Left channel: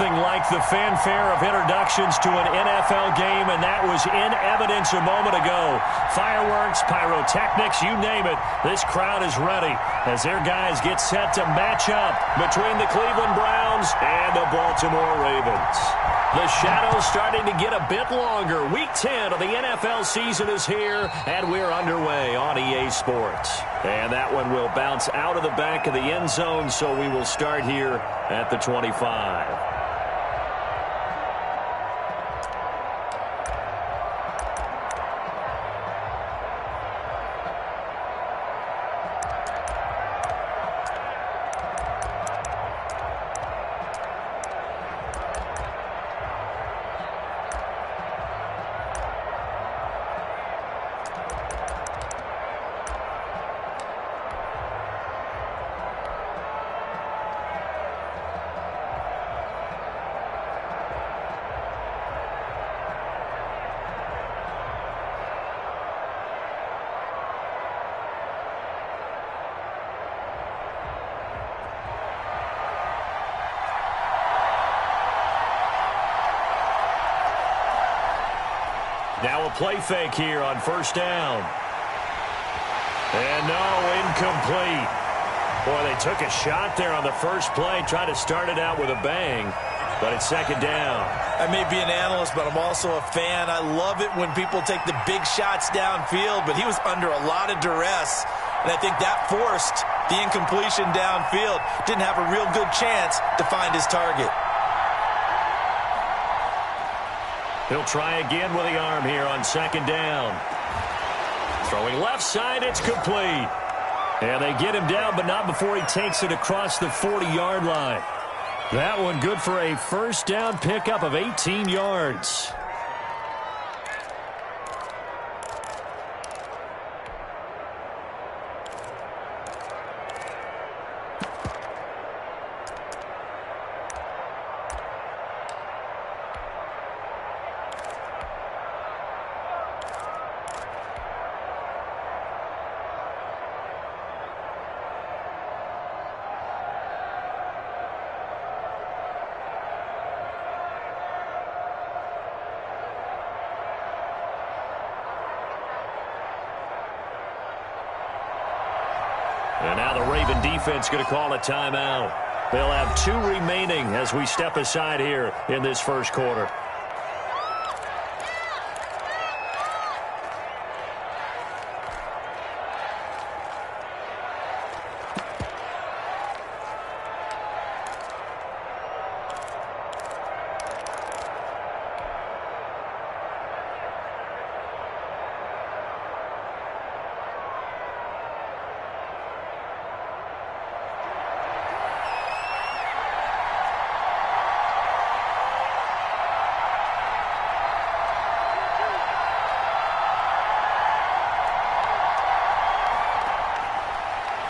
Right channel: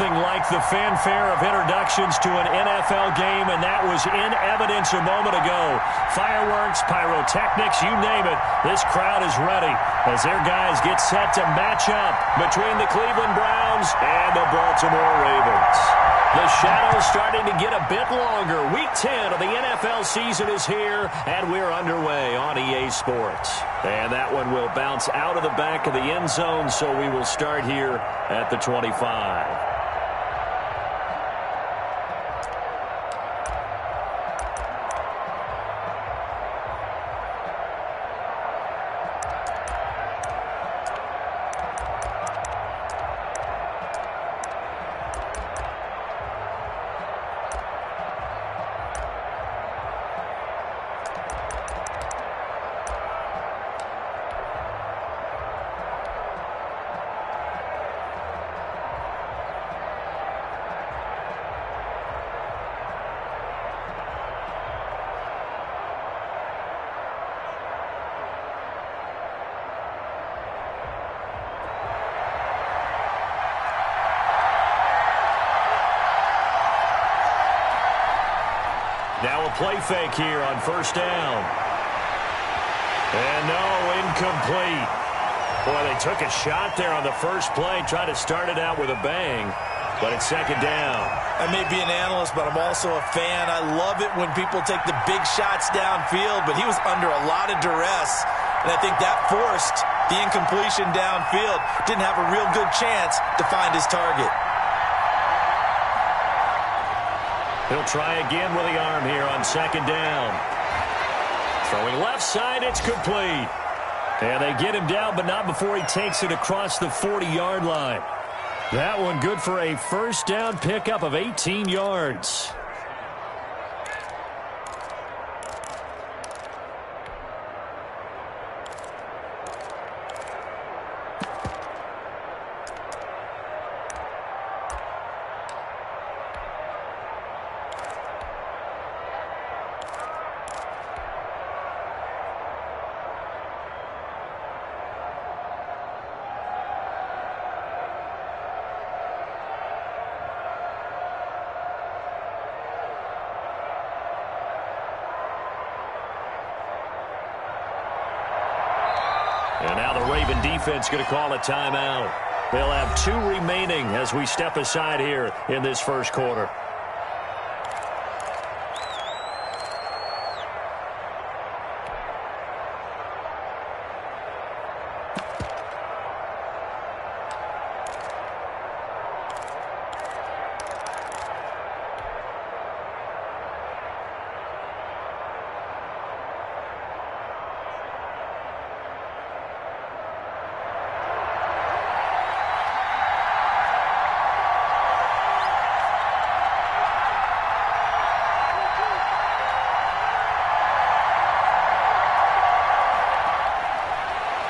Nothing like the fanfare of introductions to an NFL game, and that was in evidence a moment ago. Fireworks, pyrotechnics, you name it. This crowd is ready as their guys get set to match up between the Cleveland Browns and the Baltimore Ravens. The shadows starting to get a bit longer. Week 10 of the NFL season is here, and we're underway on EA Sports. And that one will bounce out of the back of the end zone, so we will start here at the 25. Now a play fake here on first down. And no, incomplete. Boy, they took a shot there on the first play, tried to start it out with a bang, but it's second down. I may be an analyst, but I'm also a fan. I love it when people take the big shots downfield, but he was under a lot of duress, and I think that forced the incompletion downfield. Didn't have a real good chance to find his target. He'll try again with the arm here on second down. Throwing left side, it's complete. And they get him down, but not before he takes it across the 40-yard line. That one good for a first down pickup of 18 yards. And now the Raven defense going to call a timeout. They'll have 2 remaining as we step aside here in this first quarter.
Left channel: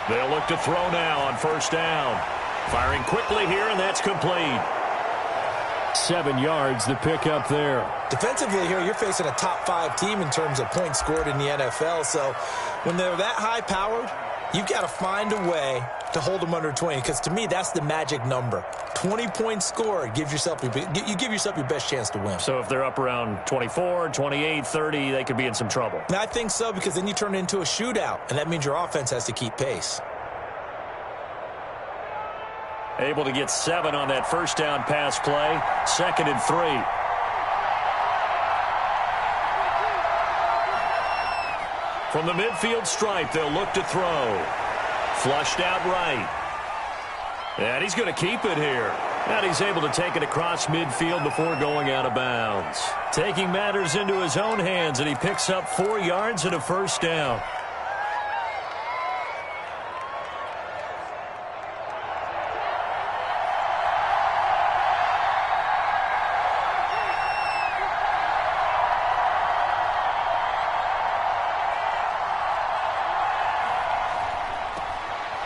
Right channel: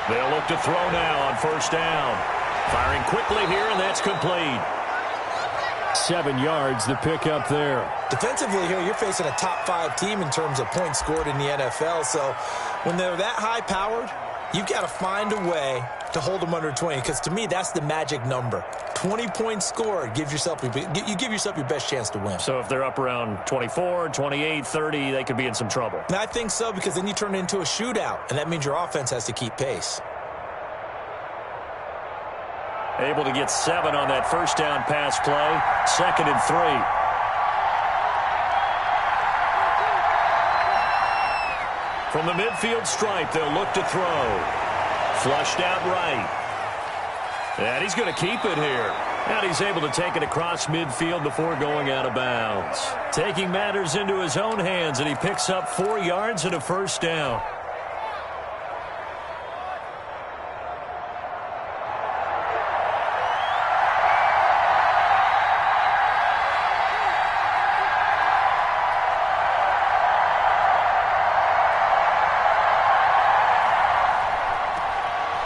They'll look to throw now on first down. Firing quickly here, and that's complete. 7 yards, the pickup there. Defensively here, you're facing a top 5 team in terms of points scored in the NFL. So when they're that high-powered, you've got to find a way to hold them under 20. Because to me, that's the magic number. 20 points scored, you give yourself your best chance to win. So if they're up around 24, 28, 30, they could be in some trouble. And I think so, because then you turn it into a shootout, and that means your offense has to keep pace. Able to get 7 on that first down pass play. 2nd and 3. From the midfield stripe, they'll look to throw. Flushed out right. And he's going to keep it here. And he's able to take it across midfield before going out of bounds. Taking matters into his own hands, and he picks up 4 yards and a first down.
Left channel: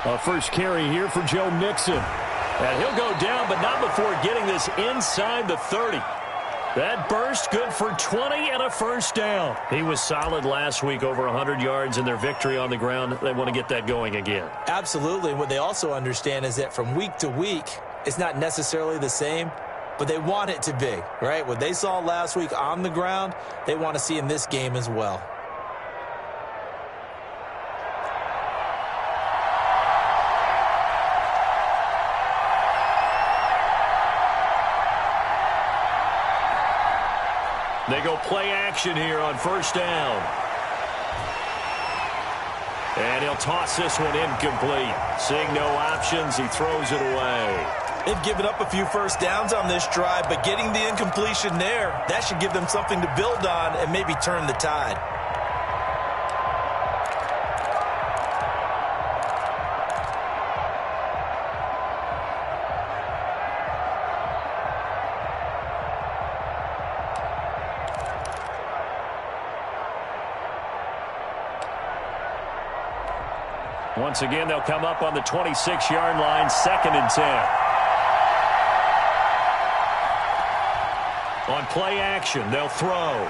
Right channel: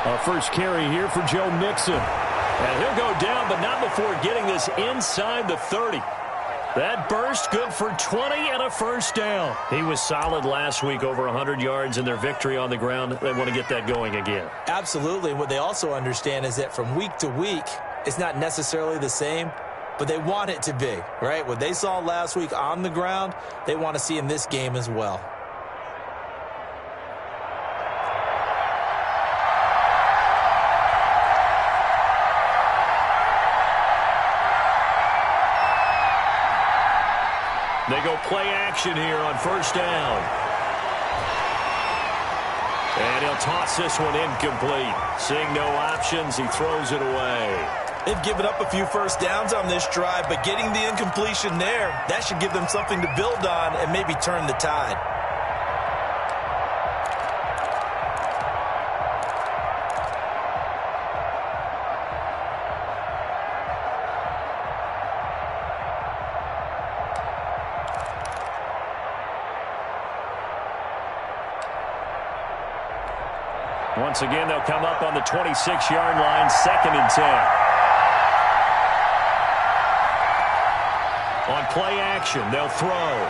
A first carry here for Joe Mixon. And he'll go down, but not before getting this inside the 30. That burst good for 20 and a first down. He was solid last week, over 100 yards in their victory on the ground. They want to get that going again. Absolutely. What they also understand is that from week to week, it's not necessarily the same. but they want it to be, right? What they saw last week on the ground, they want to see in this game as well. They go play action here on first down. And he'll toss this one incomplete. Seeing no options, he throws it away. They've given up a few first downs on this drive, but getting the incompletion there, that should give them something to build on and maybe turn the tide. Once again, they'll come up on the 26-yard line, 2nd and 10. On play action, they'll throw.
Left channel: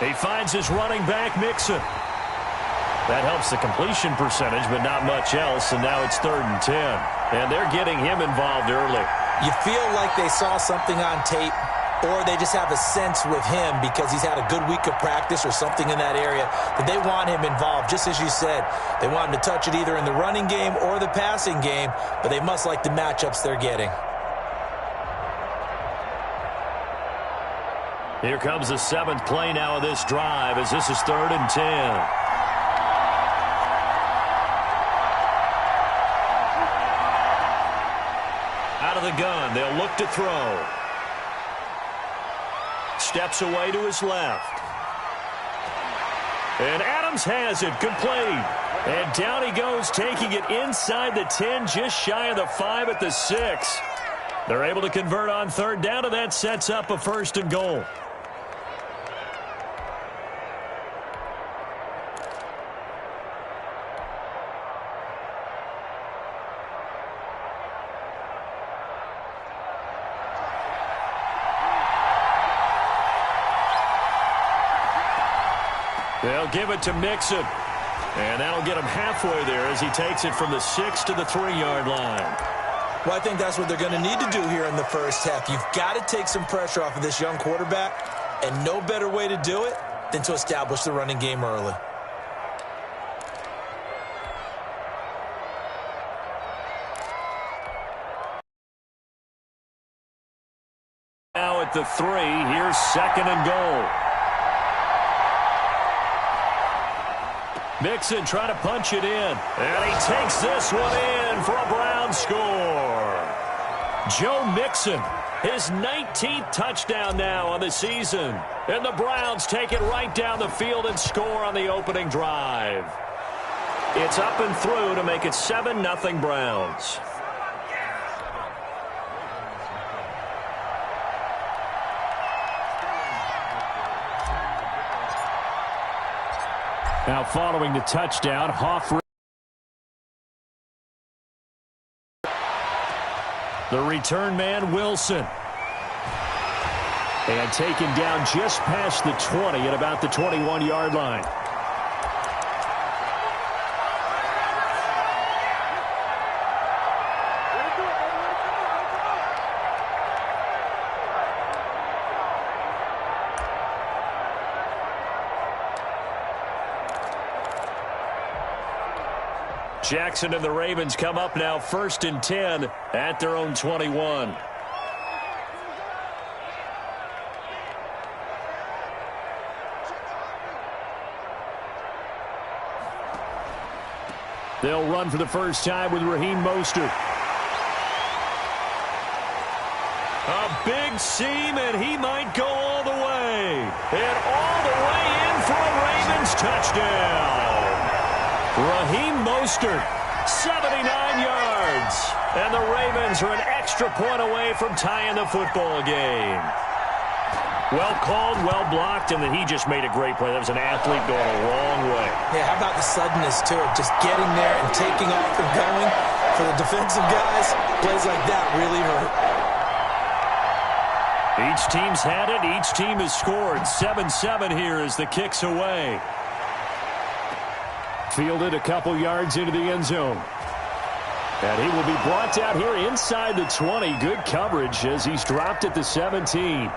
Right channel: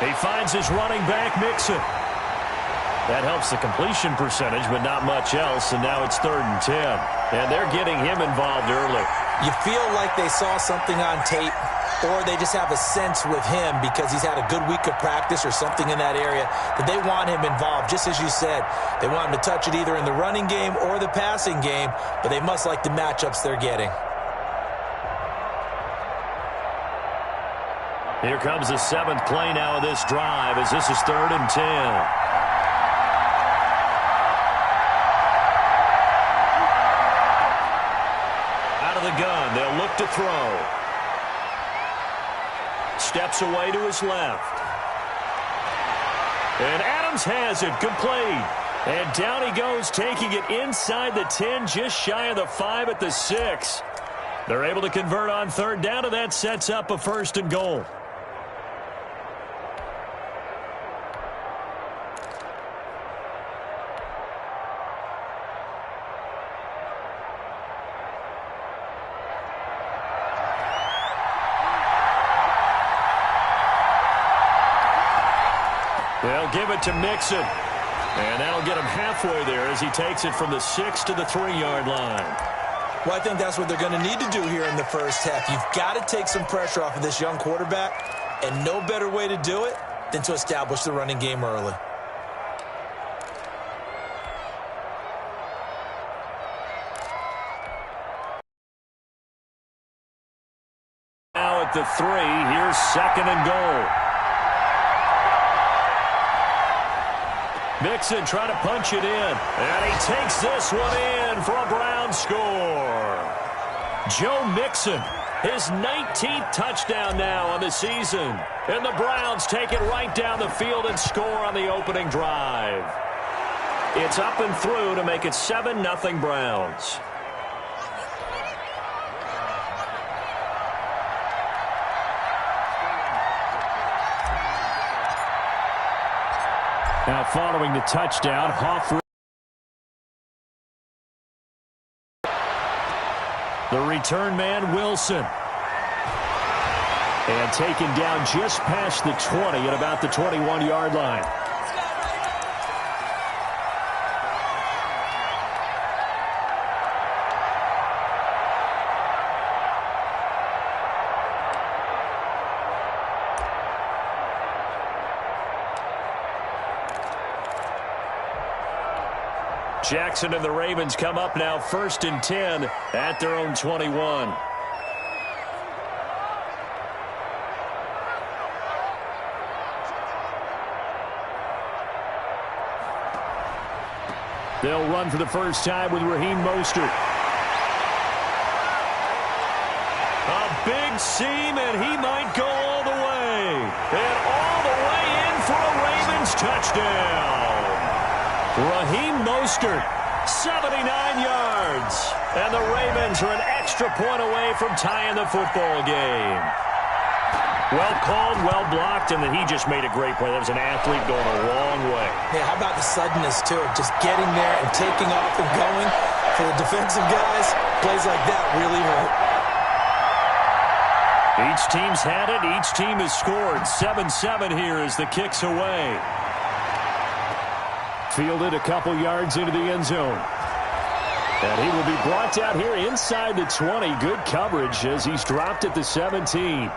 He finds his running back, Mixon. That helps the completion percentage, but not much else, and now it's 3rd and 10. And they're getting him involved early. You feel like they saw something on tape, or they just have a sense with him because he's had a good week of practice or something in that area that they want him involved. Just as you said, they want him to touch it either in the running game or the passing game, but they must like the matchups they're getting. Here comes the 7th play now of this drive as this is 3rd and 10. Out of the gun, they'll look to throw. Steps away to his left. And Adams has it complete. And down he goes, taking it inside the 10, just shy of the 5 at the 6. They're able to convert on 3rd down, and that sets up a 1st and goal. They'll give it to Mixon. And that'll get him halfway there as he takes it from the 6 to the 3-yard line. Well, I think that's what they're going to need to do here in the first half. You've got to take some pressure off of this young quarterback, and no better way to do it than to establish the running game early. Now at the 3, here's 2nd and goal. Mixon trying to punch it in. And he takes this one in for a Brown score. Joe Mixon, his 19th touchdown now on the season. And the Browns take it right down the field and score on the opening drive. It's up and through to make it 7-0 Browns. Now following the touchdown, Hoff. The return man, Wilson. And taken down just past the 20 at about the 21-yard line. Jackson and the Ravens come up now 1st and 10 at their own 21. They'll run for the first time with Raheem Mostert. A big seam, and he might go all the way. And all the way in for a Ravens touchdown. Raheem Mostert, 79 yards. And the Ravens are an extra point away from tying the football game. Well called, well blocked, and then he just made a great play. That was an athlete going a long way. Yeah, how about the suddenness, too, of just getting there and taking off and going? For the defensive guys, plays like that really hurt. Each team's had it. Each team has scored. 7-7 here as the kick's away. Fielded a couple yards into the end zone. And he will be brought down here inside the 20. Good coverage as he's dropped at the 17.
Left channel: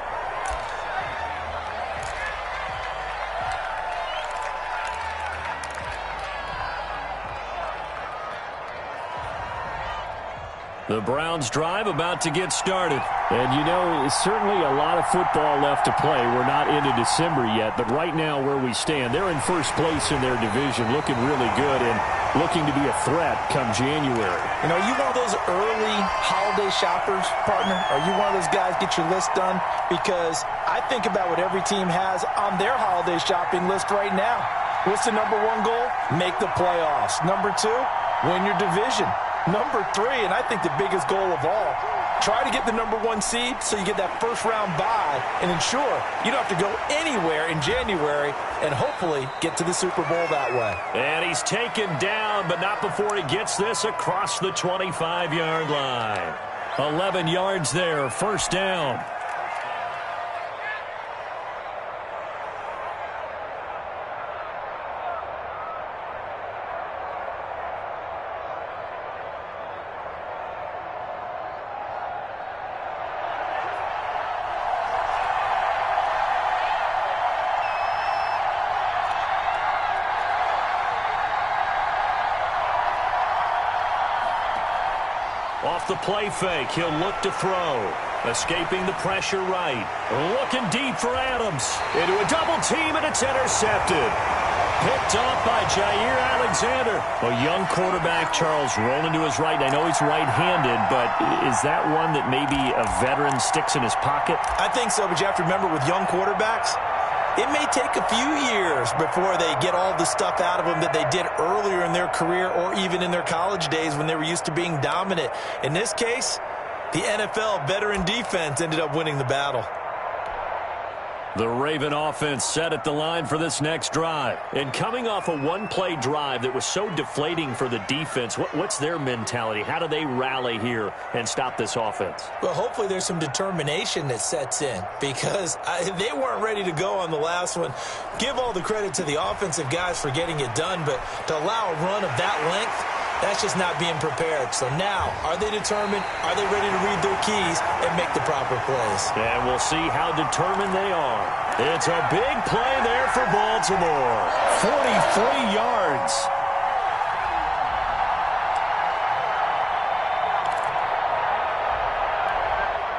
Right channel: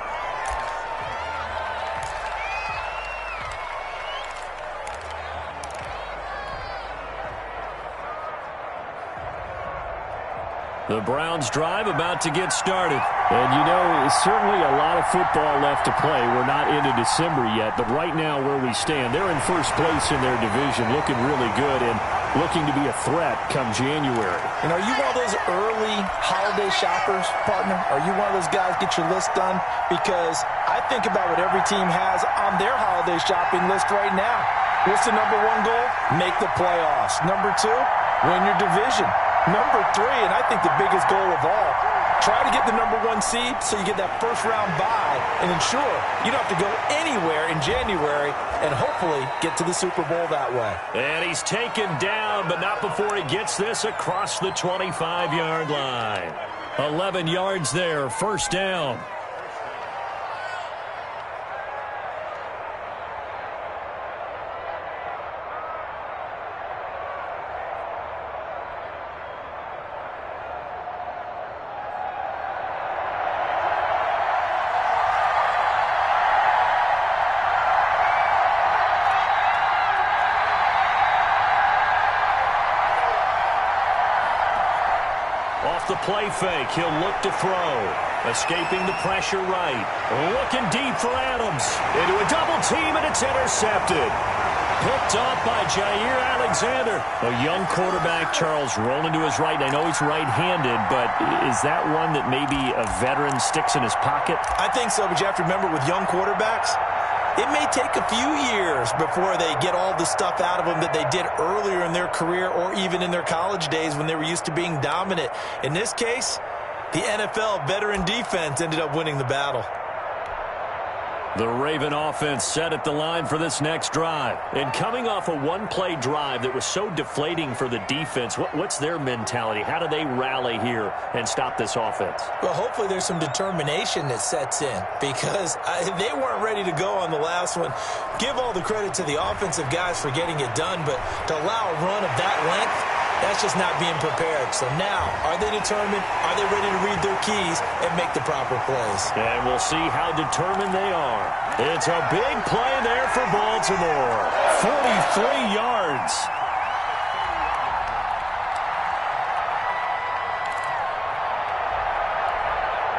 The Browns drive about to get started. And, you know, certainly a lot of football left to play. We're not into December yet, but right now where we stand, they're in first place in their division, looking really good and looking to be a threat come January. You know, are you one of those early holiday shoppers, partner? Are you one of those guys get your list done? Because I think about what every team has on their holiday shopping list right now. What's the number one goal? Make the playoffs. Number two, win your division. Number three, and I think the biggest goal of all, try to get the number one seed so you get that first round bye and ensure you don't have to go anywhere in January and hopefully get to the Super Bowl that way. And he's taken down, but not before he gets this across the 25-yard line. 11 yards there, first down. Off the play fake, he'll look to throw. Escaping the pressure right. Looking deep for Adams. Into a double team, and it's intercepted. Picked off by Jair Alexander. A young quarterback, Charles, rolling to his right. I know he's right-handed, but is that one that maybe a veteran sticks in his pocket? I think so, but you have to remember with young quarterbacks, it may take a few years before they get all the stuff out of them that they did earlier in their career or even in their college days when they were used to being dominant. In this case, the NFL veteran defense ended up winning the battle. The Raven offense set at the line for this next drive. And coming off a one-play drive that was so deflating for the defense, what's their mentality? How do they rally here and stop this offense? Well, hopefully there's some determination that sets in because they weren't ready to go on the last one. Give all the credit to the offensive guys for getting it done, but to allow a run of that length, that's just not being prepared. So now, are they determined? Are they ready to read their keys and make the proper plays? And we'll see how determined they are. It's a big play there for Baltimore. 43 yards.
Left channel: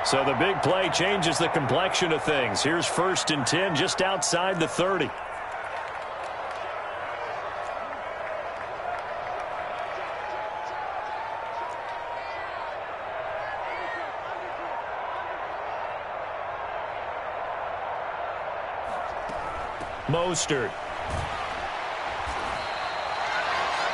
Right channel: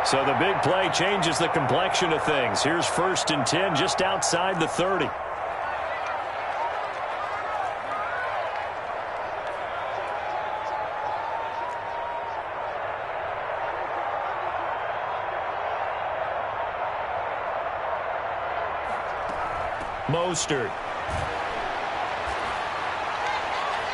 So the big play changes the complexion of things. Here's 1st and 10 just outside the 30. Mostert.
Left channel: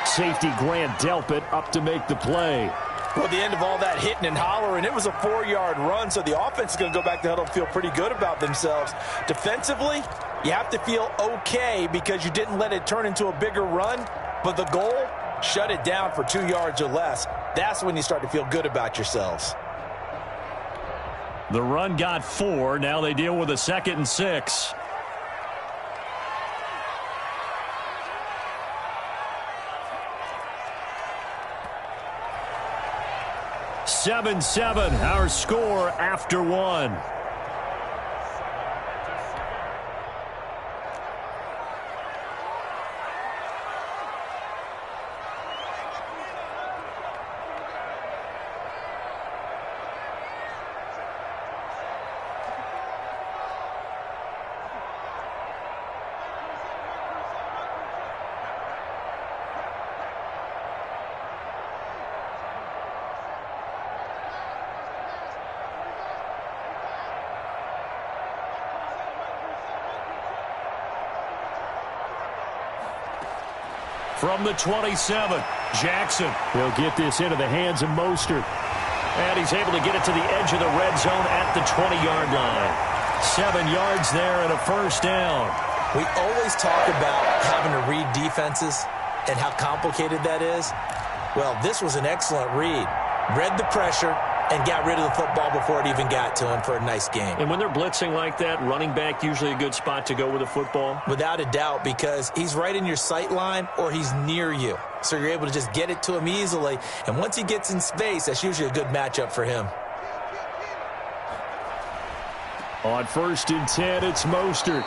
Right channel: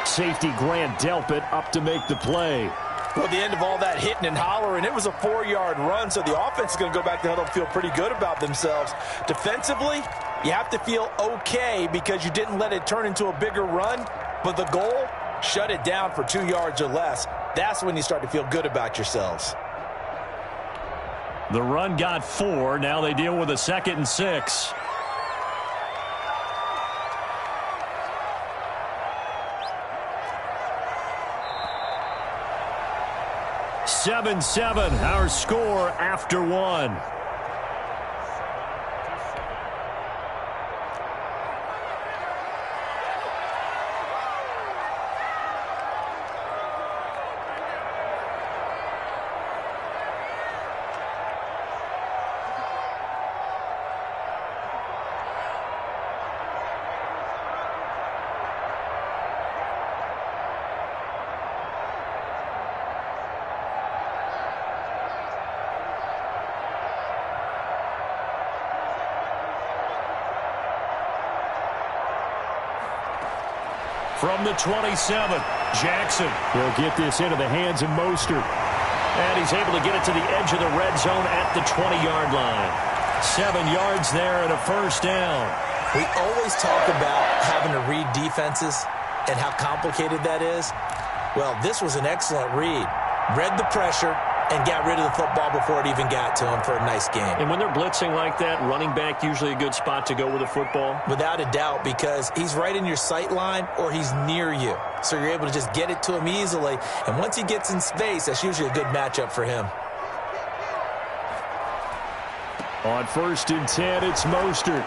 Safety Grant Delpit up to make the play. Well, the end of all that hitting and hollering, it was a 4-yard run, so the offense is going to go back to huddle and feel pretty good about themselves. Defensively, you have to feel okay because you didn't let it turn into a bigger run, but the goal, shut it down for 2 yards or less. That's when you start to feel good about yourselves. The run got 4. Now they deal with a 2nd and 6. 7-7, our score after 1. From the 27, Jackson. He'll get this into the hands of Mostert. And he's able to get it to the edge of the red zone at the 20-yard line. 7 yards there and a first down. We always talk about having to read defenses and how complicated that is. Well, this was an excellent read. Read the pressure, and got rid of the football before it even got to him for a nice game. And when they're blitzing like that, running back usually a good spot to go with the football? Without a doubt, because he's right in your sight line or he's near you. So you're able to just get it to him easily. And once he gets in space, that's usually a good matchup for him. On 1st and 10, it's Mostert.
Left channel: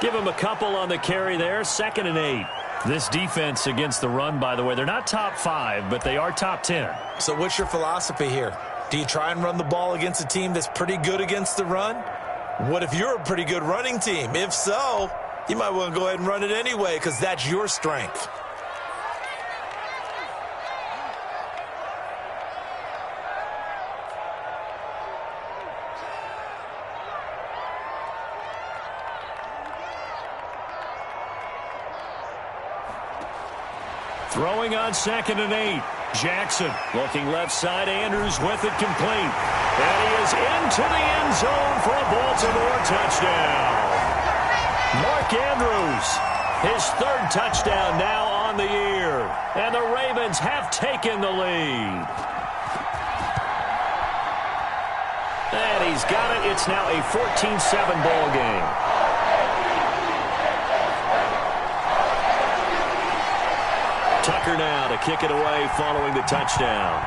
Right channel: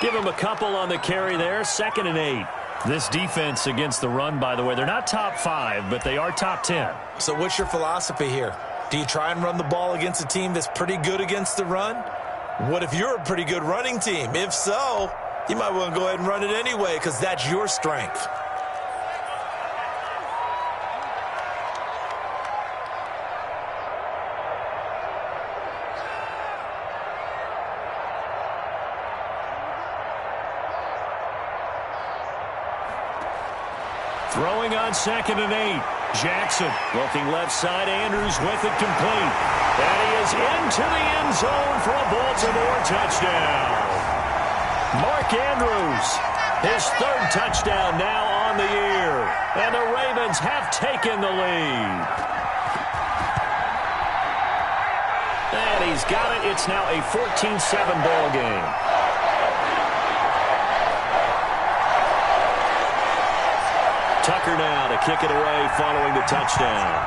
Give him a couple on the carry there, 2nd and 8. This defense against the run, by the way, they're not top 5, but they are top 10. So what's your philosophy here? Do you try and run the ball against a team that's pretty good against the run? What if you're a pretty good running team? If so, you might want to go ahead and run it anyway because that's your strength. Throwing on 2nd and 8. Jackson looking left side. Andrews with it complete. And he is into the end zone for a Baltimore touchdown. Mark Andrews, his 3rd touchdown now on the year. And the Ravens have taken the lead. And he's got it. It's now a 14-7 ball game. Tucker now to kick it away following the touchdown.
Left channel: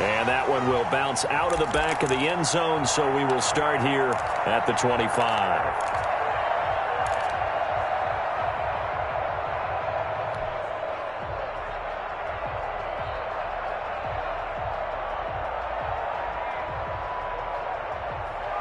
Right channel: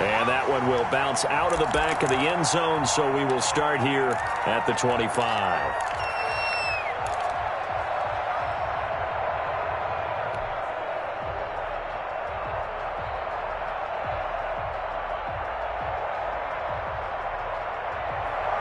And that one will bounce out of the back of the end zone, so we will start here at the 25.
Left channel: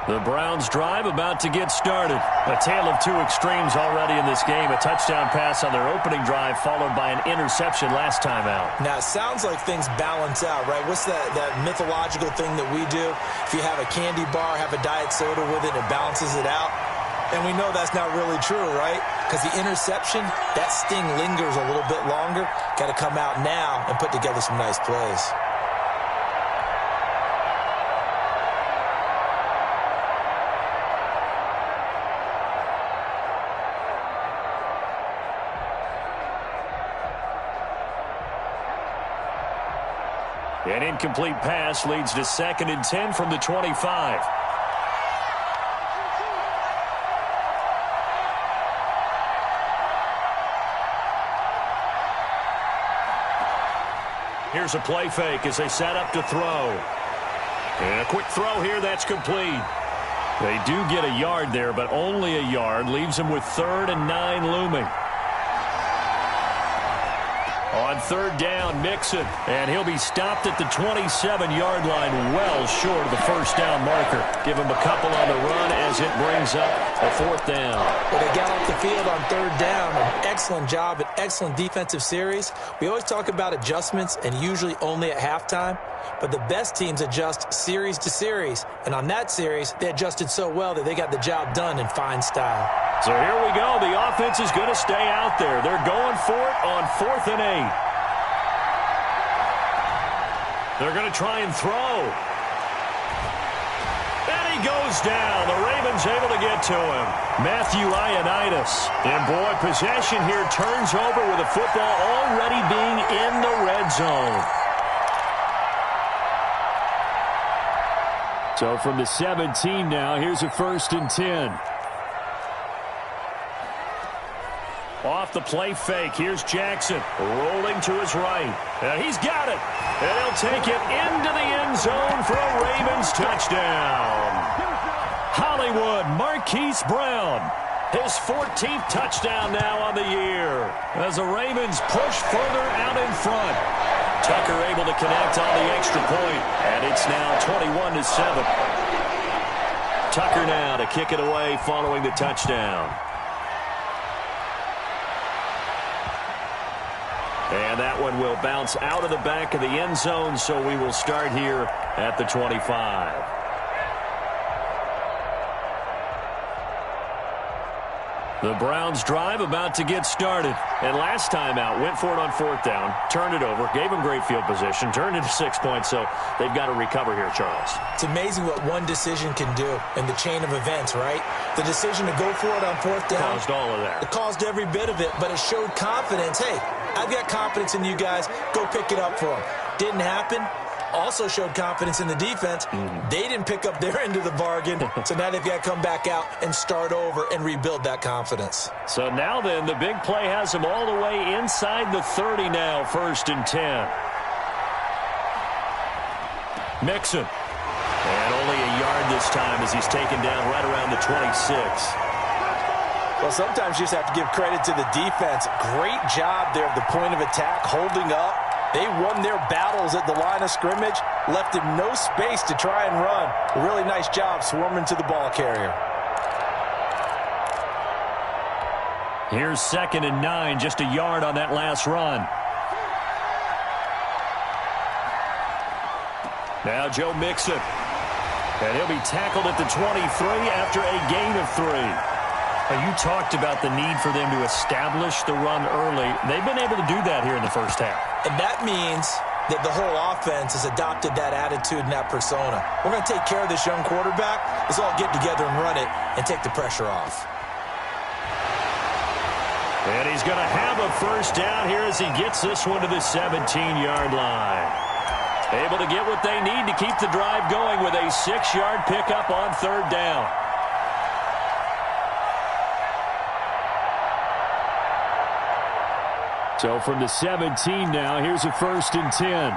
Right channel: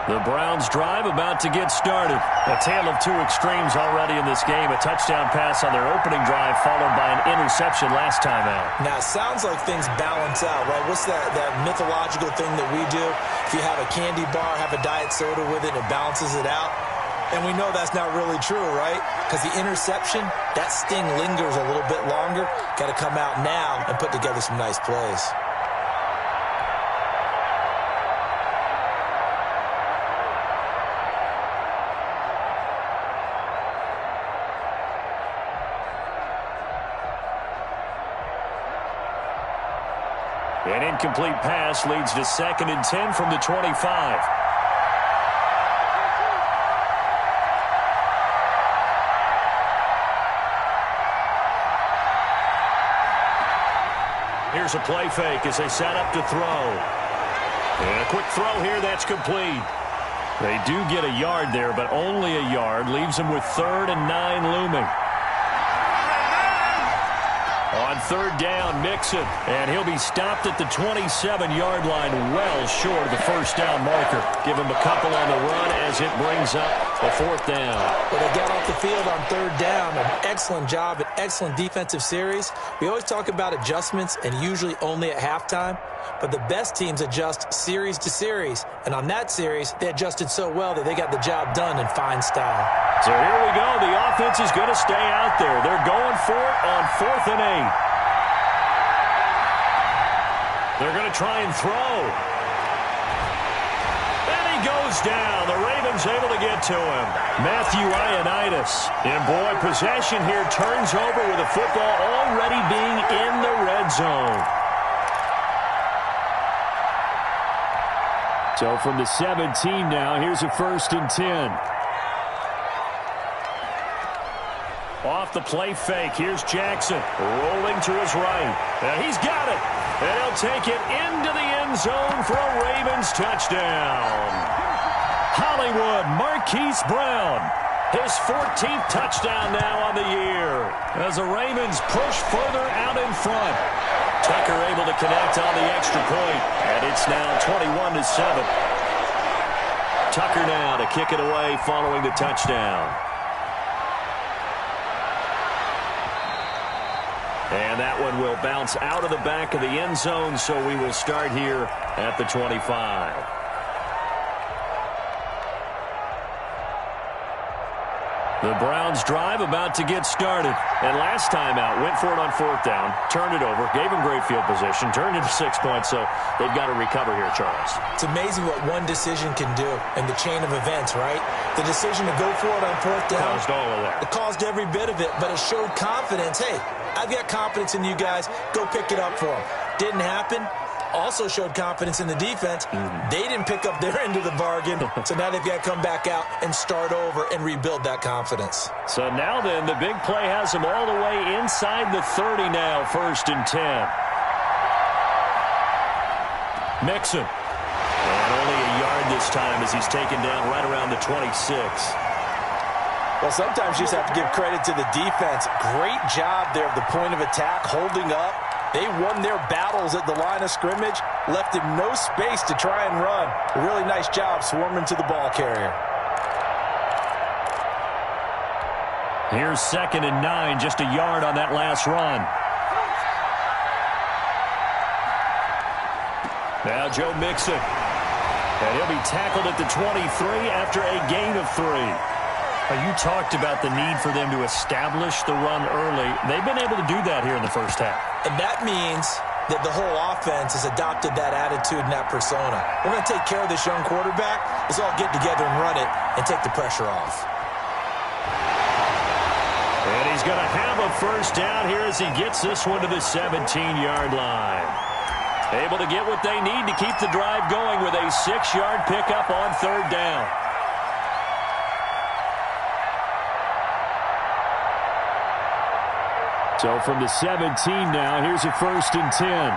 The Browns drive about to get started. A tale of 2 extremes already in this game. A touchdown pass on their opening drive followed by an interception last time out. Now, it sounds like things balance out, right? What's that mythological thing that we do? If you have a candy bar, have a diet soda with it, it balances it out. And we know that's not really true, right? Because the interception, that sting lingers a little bit longer. Got to come out now and put together some nice plays. An incomplete pass leads to 2nd and 10 from the 25. Here's a play fake as they set up to throw. And a quick throw here, that's complete. They do get a yard there, but only a yard. Leaves them with 3rd and 9 looming. On 3rd down, Mixon, and he'll be stopped at the 27-yard line, well short of the 1st down marker. Give him a couple on the run as it brings up a 4th down. Well, they got off the field on 3rd down. An excellent job, an excellent defensive series. We always talk about adjustments and usually only at halftime, but the best teams adjust series to series. And on that series, they adjusted so well that they got the job done in fine style. So here we go. The offense is going to stay out there. They're going for it on 4th and 8. They're going to try and throw. And he goes down. The Ravens able to get to him. Matthew Ioannidis. And boy, possession here turns over with the football already being in the red zone. So from the 17 now, here's a 1st and 10. Off the play fake, here's Jackson rolling to his right. And he's got it. And he'll take it into the end zone for a Ravens touchdown. Hollywood Marquise Brown. His 14th touchdown now on the year. As the Ravens push further out in front. Tucker able to connect on the extra point. And it's now 21-7. Tucker now to kick it away following the touchdown. And that one will bounce out of the back of the end zone, so we will start here at the 25. The Browns drive about to get started. And last time out, went for it on 4th down, turned it over, gave them great field position, turned it to 6 points, so they've got to recover here, Charles. It's amazing what one decision can do in the chain of events, right? The decision to go for it on 4th down Caused all of that. It caused every bit of it, but it showed confidence. Hey, I've got confidence in you guys. Go pick it up for them. Didn't happen. Also showed confidence in the defense. They didn't pick up their end of the bargain, so now they've got to come back out and start over and rebuild that confidence. So now then, the big play has them all the way inside the 30 now, 1st and 10. Mixon. And only a yard this time as he's taken down right around the 26. Well, sometimes you just have to give credit to the defense. Great job there at the point of attack, holding up. They won their battles at the line of scrimmage, left him no space to try and run. A really nice job swarming to the ball carrier. Here's 2nd and 9, just a yard on that last run. Now Joe Mixon. And he'll be tackled at the 23 after a gain of 3. You talked about the need for them to establish the run early. They've been able to do that here in the first half. And that means that the whole offense has adopted that attitude and that persona. We're going to take care of this young quarterback. Let's all get together and run it and take the pressure off. And he's going to have a first down here as he gets this one to the 17-yard line. Able to get what they need to keep the drive going with a 6-yard pickup on 3rd down. So from the 17 now, here's a 1st and 10.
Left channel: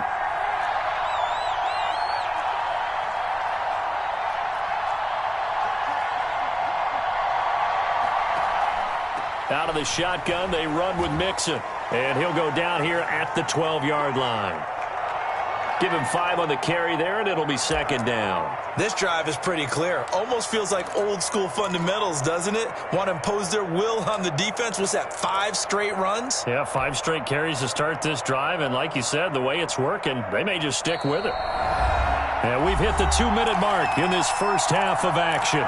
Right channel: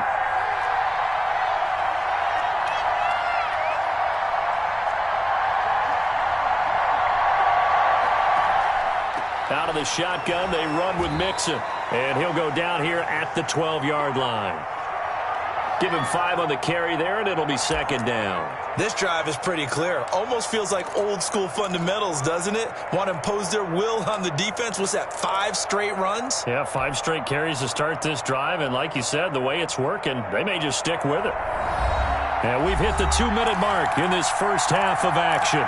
Out of the shotgun, they run with Mixon. And he'll go down here at the 12-yard line. Give him 5 on the carry there, and it'll be 2nd down. This drive is pretty clear. Almost feels like old-school fundamentals, doesn't it? Want to impose their will on the defense. What's that, 5 straight runs? Yeah, 5 straight carries to start this drive, and like you said, the way it's working, they may just stick with it. And we've hit the 2-minute mark in this first half of action.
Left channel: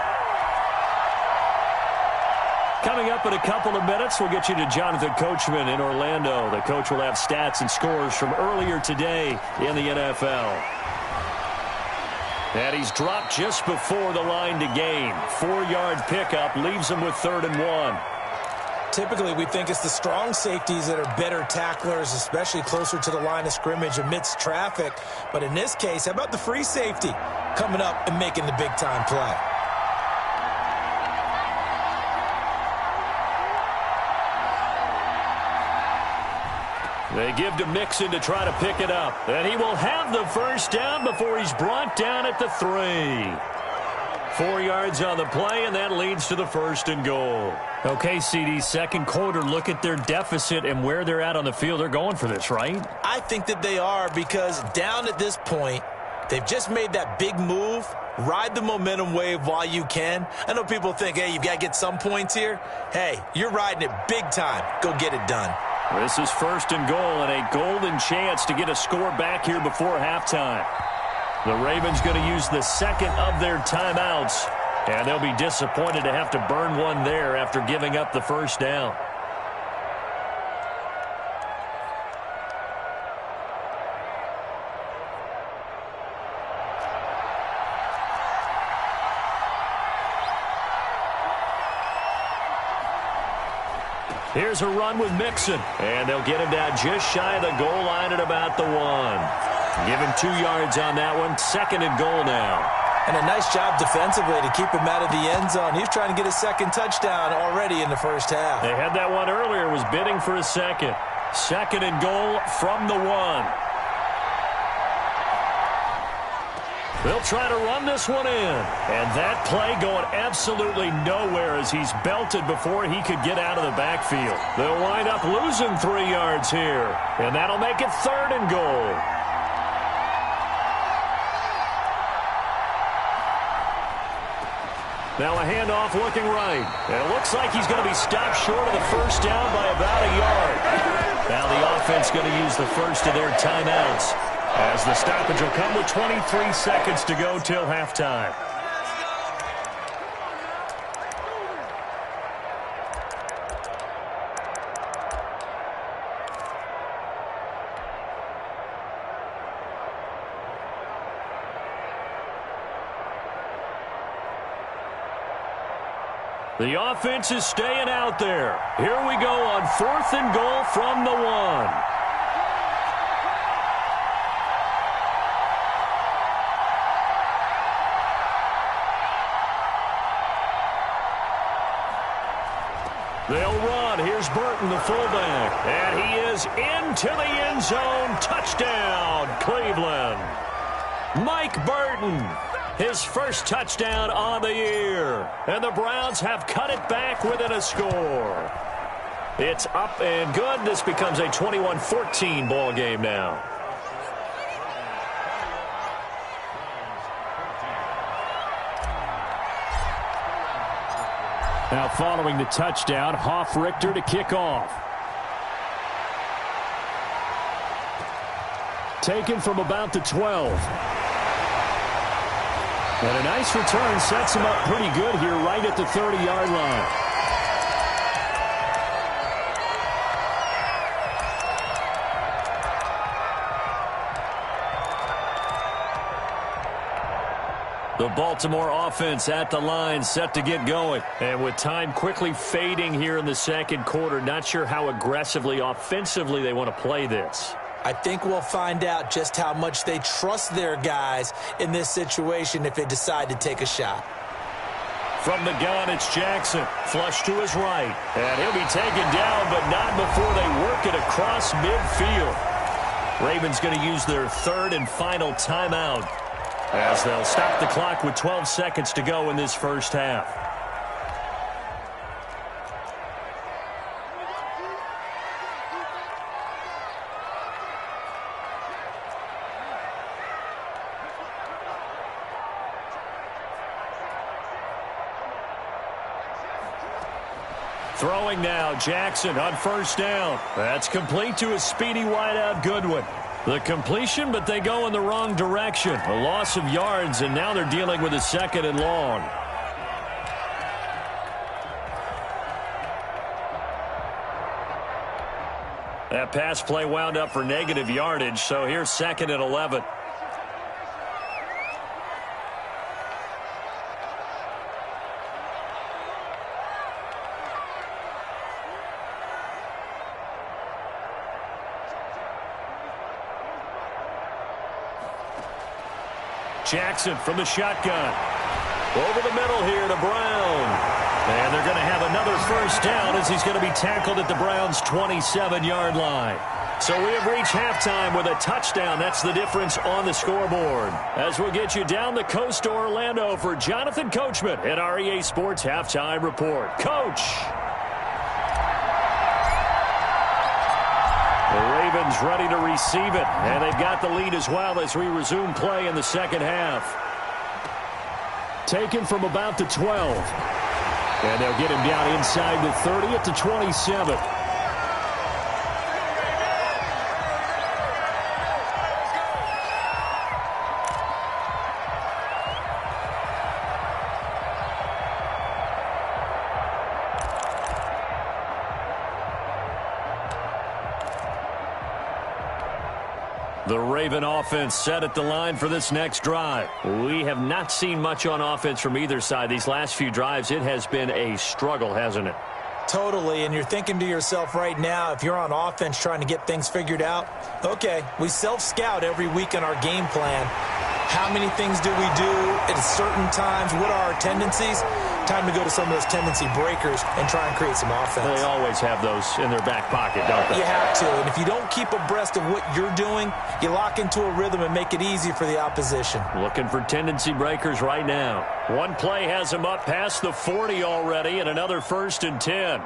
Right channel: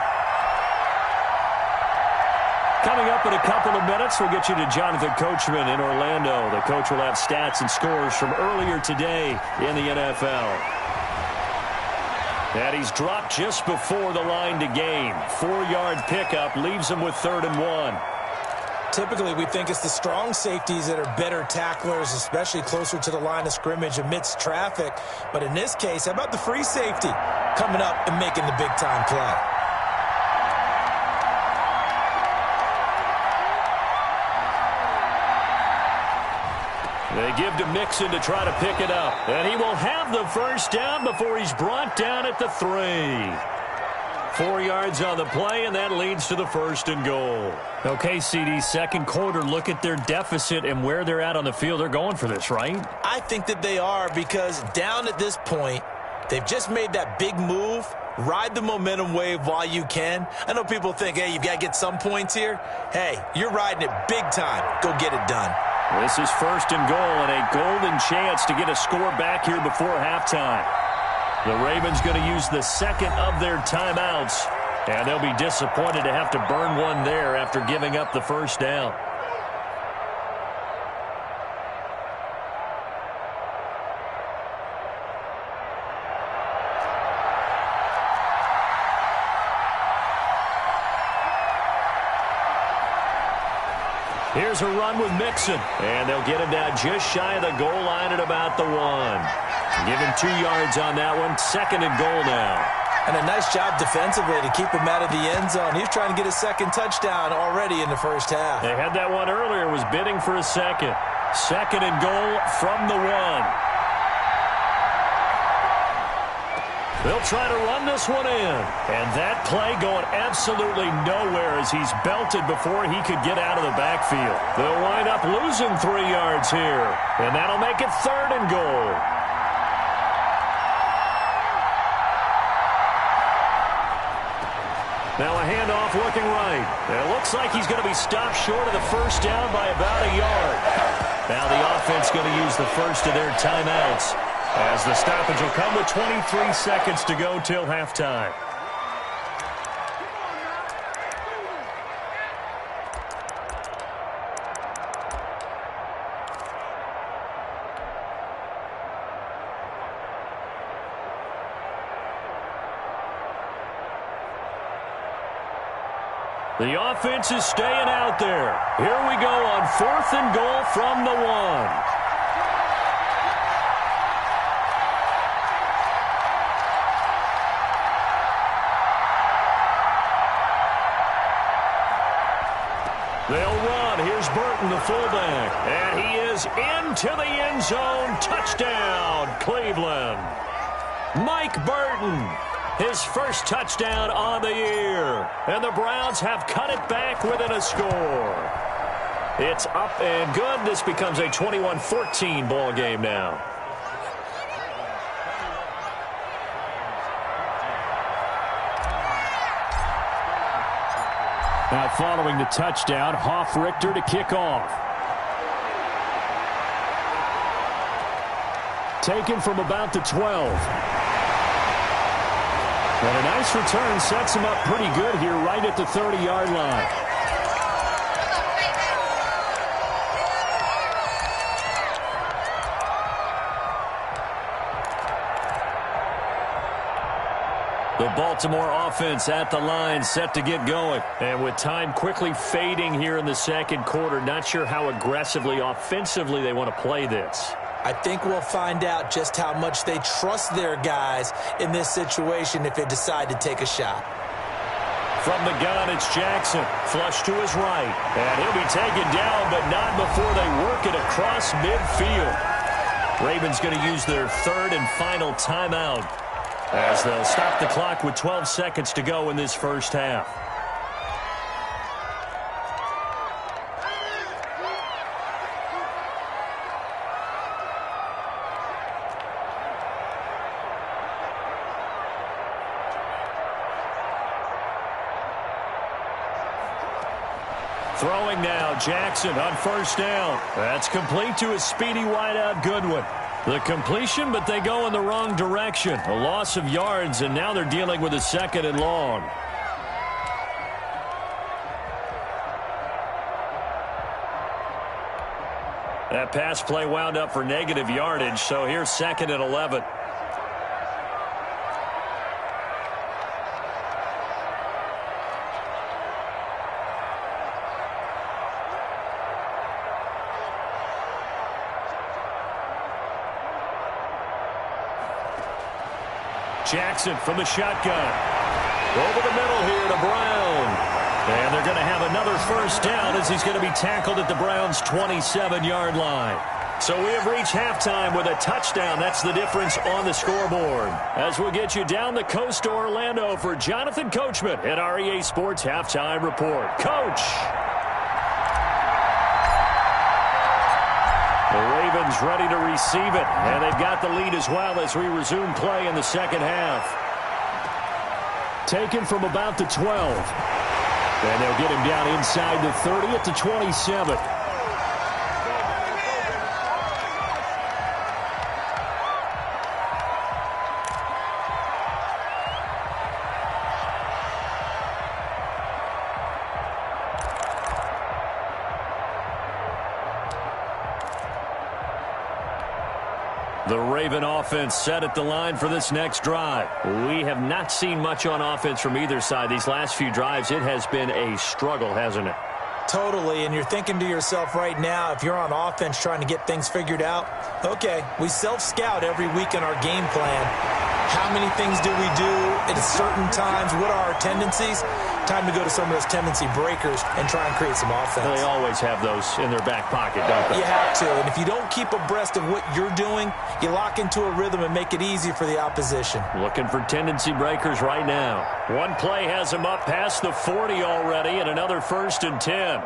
Coming up in a couple of minutes, we'll get you to Jonathan Coachman in Orlando. The coach will have stats and scores from earlier today in the NFL. And he's dropped just before the line to gain. 4-yard pickup leaves him with 3rd and 1. Typically, we think it's the strong safeties that are better tacklers, especially closer to the line of scrimmage amidst traffic. But in this case, how about the free safety coming up and making the big-time play? They give to Mixon to try to pick it up. And he will have the first down before he's brought down at the 3. 4 yards on the play, and that leads to the 1st and goal. Okay, CD, 2nd quarter, look at their deficit and where they're at on the field. They're going for this, right? I think that they are, because down at this point, they've just made that big move. Ride the momentum wave while you can. I know people think, hey, you've got to get some points here. Hey, you're riding it big time. Go get it done. This is 1st and goal, and a golden chance to get a score back here before halftime. The Ravens going to use the 2nd of their timeouts, and they'll be disappointed to have to burn one there after giving up the first down. Here's a run with Mixon, and they'll get him down just shy of the goal line at about the 1. Give him 2 yards on that one. 2nd and goal now. And a nice job defensively to keep him out of the end zone. He's trying to get his 2nd touchdown already in the first half. They had that one earlier, was bidding for a 2nd. 2nd and goal from the 1. They'll try to run this one in. And that play going absolutely nowhere as he's belted before he could get out of the backfield. They'll wind up losing 3 yards here. And that'll make it 3rd and goal. Now a handoff looking right. And it looks like he's going to be stopped short of the first down by about a yard. Now the offense going to use the first of their timeouts, as the stoppage will come with 23 seconds to go till halftime. The offense is staying out there. Here we go on 4th and goal from the 1. They'll run. Here's Burton, the fullback. And he is into the end zone. Touchdown, Cleveland. Mike Burton, his first touchdown on the year. And the Browns have cut it back within a score. It's up and good. This becomes a 21-14 ball game now. Now following the touchdown, Hofrichter to kick off. Taken from about the 12. And a nice return sets him up pretty good here right at the 30-yard line. The Baltimore offense at the line, set to get going. And with time quickly fading here in the second quarter, not sure how aggressively, offensively they want to play this. I think we'll find out just how much they trust their guys in this situation if they decide to take a shot. From the gun, it's Jackson. Flush to his right. And he'll be taken down, but not before they work it across midfield. Ravens going to use their 3rd and final timeout, as they'll stop the clock with 12 seconds to go in this first half. Throwing now, Jackson on first down. That's complete to his speedy wideout, Goodwin. The completion, but they go in the wrong direction. A loss of yards, and now they're dealing with a 2nd and long. That pass play wound up for negative yardage, so here's 2nd and 11. Jackson from the shotgun. Over the middle here to Brown. And they're going to have another first down as he's going to be tackled at the Browns' 27-yard line. So we have reached halftime with a touchdown. That's the difference on the scoreboard. As we'll get you down the coast to Orlando for Jonathan Coachman at our EA Sports Halftime Report. Coach. The Ravens ready to receive it, and they've got the lead as well as we resume play in the second half. Taken from about the 12. And they'll get him down inside the 30 at the 27. The Raven offense set at the line for this next drive. We have not seen much on offense from either side. These last few drives, it has been a struggle, hasn't it? Totally, and you're thinking to yourself right now, if you're on offense trying to get things figured out, okay, we self-scout every week in our game plan. How many things do we do at certain times? What are our tendencies? Time to go to some of those tendency breakers and try and create some offense. They always have those in their back pocket, don't they? You have to, and if you don't keep abreast of what you're doing, you lock into a rhythm and make it easy for the opposition. Looking for tendency breakers right now. One play has him up past the 40 already, and another 1st and 10.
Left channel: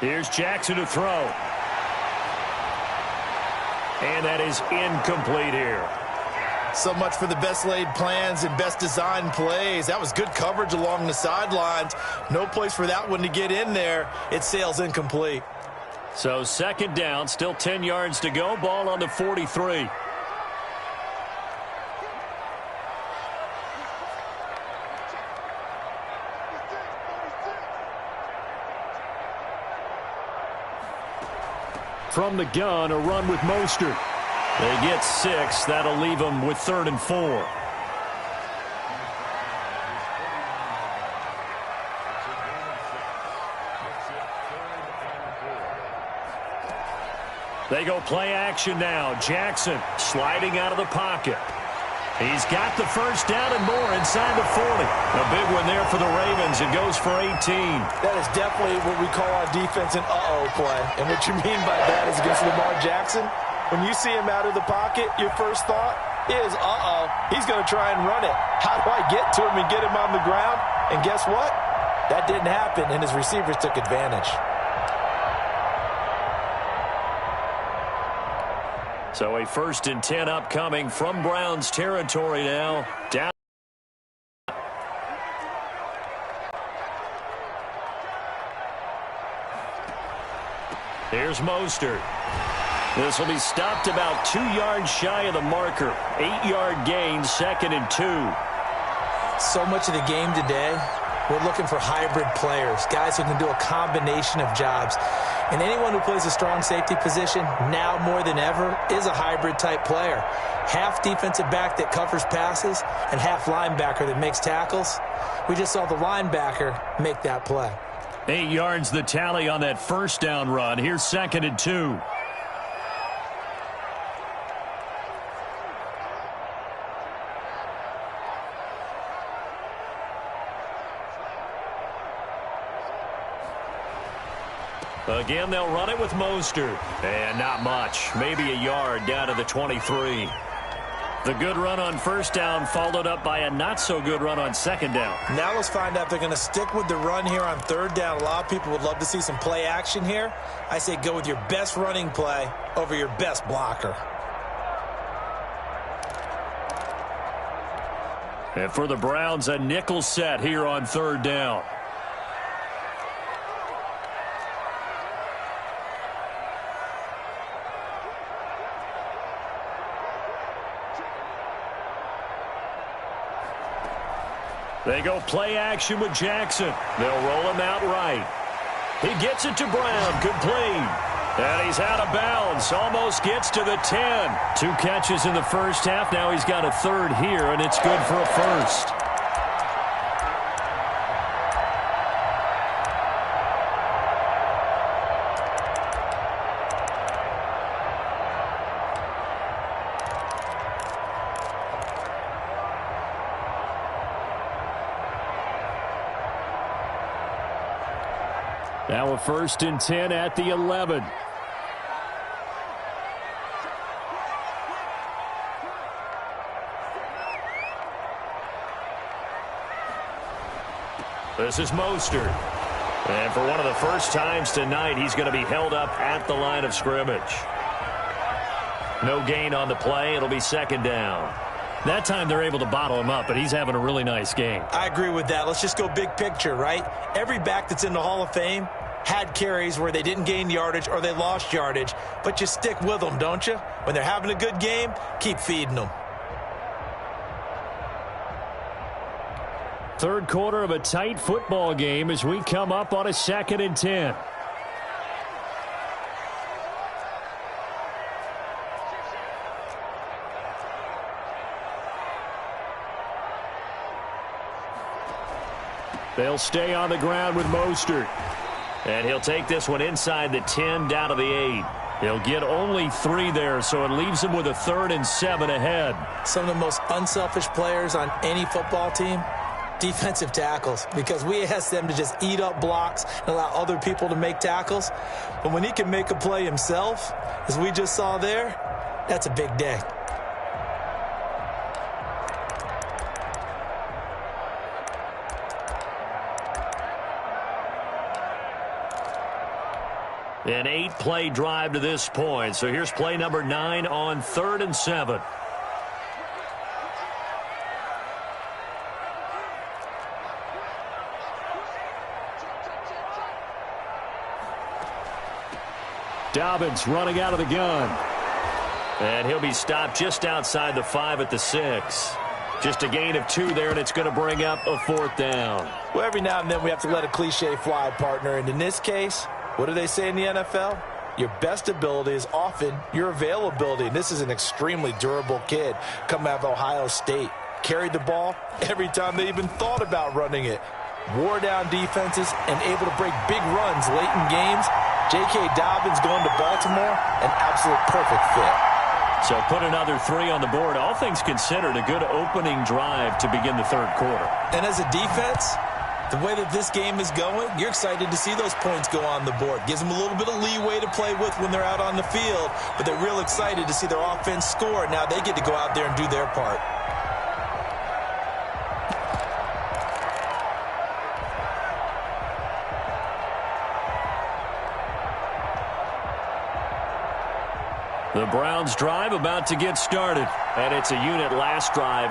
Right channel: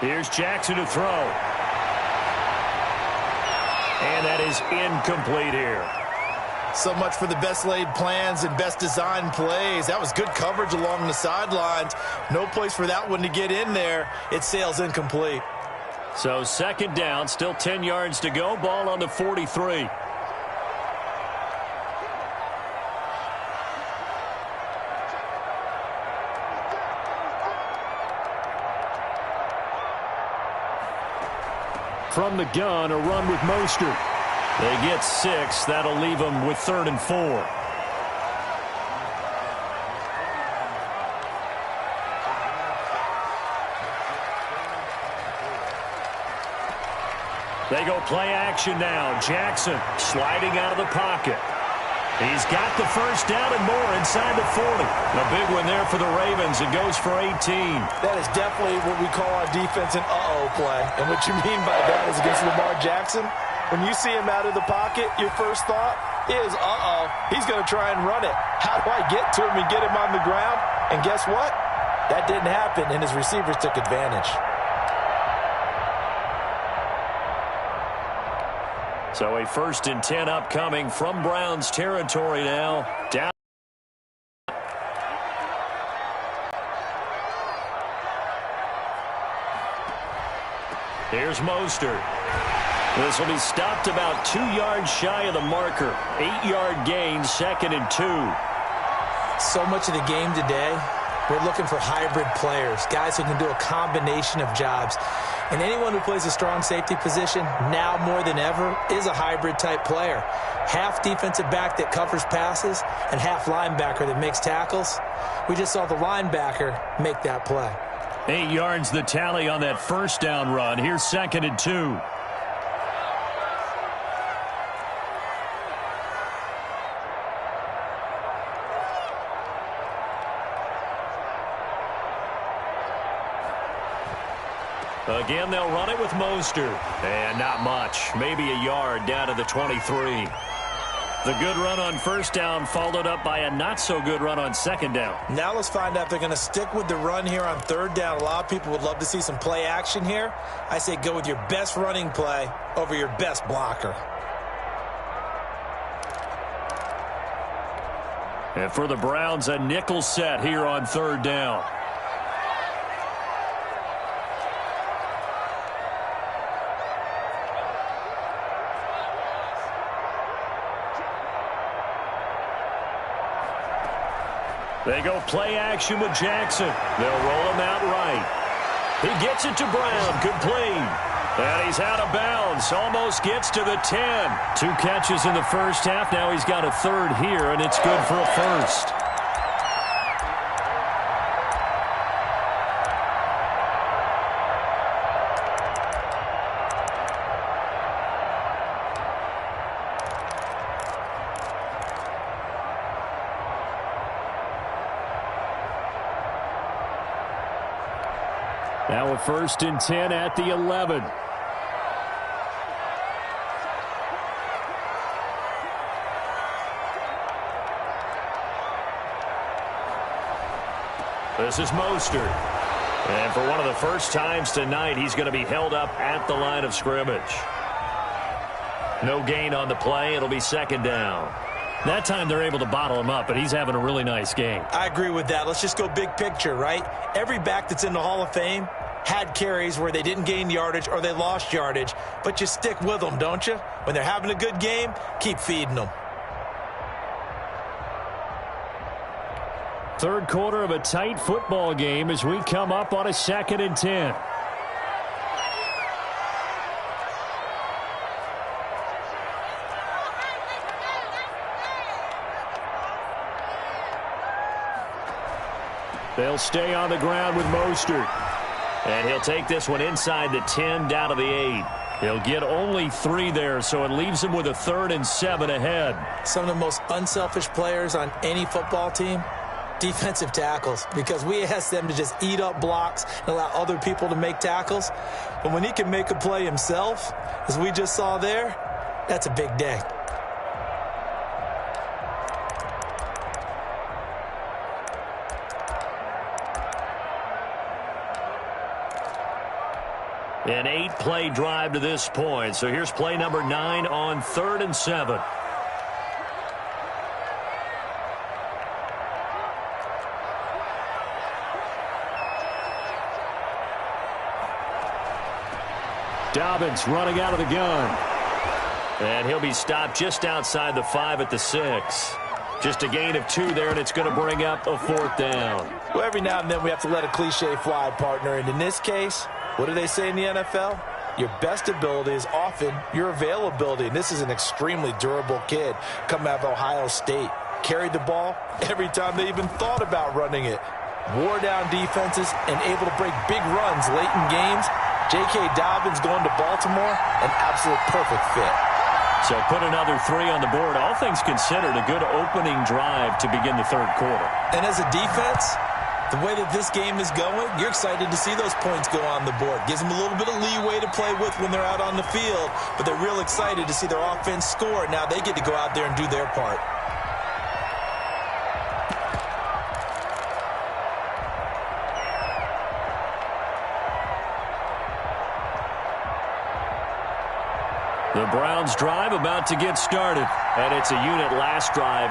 Here's Jackson to throw. And that is incomplete here. So much for the best laid plans and best designed plays. That was good coverage along the sidelines. No place for that one to get in there. It sails incomplete. So 2nd down, still 10 yards to go. Ball on the 43. From the gun, a run with Mostert. They get 6. That'll leave them with 3rd and 4. They go play action now. Jackson sliding out of the pocket. He's got the first down and more inside the 40. A big one there for the Ravens. It goes for 18. That is definitely what we call on defense an uh-oh play. And what you mean by that is against Lamar Jackson, when you see him out of the pocket, your first thought is, uh-oh, he's going to try and run it. How do I get to him and get him on the ground? And guess what? That didn't happen, and his receivers took advantage. So a 1st and 10 upcoming from Browns territory now. Down. Here's Mostert. This will be stopped about 2 yards shy of the marker. 8-yard gain, 2nd and 2. So much of the game today, we're looking for hybrid players, guys who can do a combination of jobs. And anyone who plays a strong safety position, now more than ever, is a hybrid-type player. Half defensive back that covers passes and half linebacker that makes tackles. We just saw the linebacker make that play. 8 yards the tally on that first down run. Here's 2nd and 2. Again, they'll run it with Mostert. And not much. Maybe a yard down to the 23. The good run on first down followed up by a not-so-good run on second down. Now let's find out if they're going to stick with the run here on third down. A lot of people would love to see some play action here. I say go with your best running play over your best blocker. And for the Browns, a nickel set here on third down. They go play action with Jackson. They'll roll him out right. He gets it to Brown, complete. And he's out of bounds, almost gets to the 10. 2 catches in the first half. Now he's got a third here, and it's good for a first. Now a 1st and 10 at the 11. This is Mostert. And for one of the first times tonight, he's going to be held up at the line of scrimmage. No gain on the play. It'll be 2nd down. That time they're able to bottle him up, but he's having a really nice game. I agree with that. Let's just go big picture, right? Every back that's in the Hall of Fame had carries where they didn't gain yardage or they lost yardage, but you stick with them, don't you? When they're having a good game, keep feeding them. Third quarter of a tight football game as we come up on a 2nd and 10. They'll stay on the ground with Mostert. And he'll take this one inside the 10 down to the 8. He'll get only 3 there, so it leaves him with a 3rd and 7 ahead. Some of the most unselfish players on any football team, defensive tackles, because we ask them to just eat up blocks and allow other people to make tackles. But when he can make a play himself, as we just saw there, that's a big day. An 8-play drive to this point. So here's play number 9 on 3rd and 7. Dobbins running out of the gun. And he'll be stopped just outside the 5 at the 6. Just a gain of 2 there, and it's going to bring up a 4th down. Well, every now and then we have to let a cliche fly, partner. And in this case, what do they say in the NFL? your best ability is often your availability. And this is an extremely durable kid coming out of Ohio State. Carried the ball every time they even thought about running it. Wore down defenses and able to break big runs late in games. J.K. Dobbins going to Baltimore, an absolute perfect fit. So put another 3 on the board. All things considered, a good opening drive to begin the third quarter. And as a defense, the way that this game is going, you're excited to see those points go on the board. Gives them a little bit of leeway to play with when they're out on the field, but they're real excited to see their offense score. Now they get to go out there and do their part. The Browns drive about to get started, and it's a unit last drive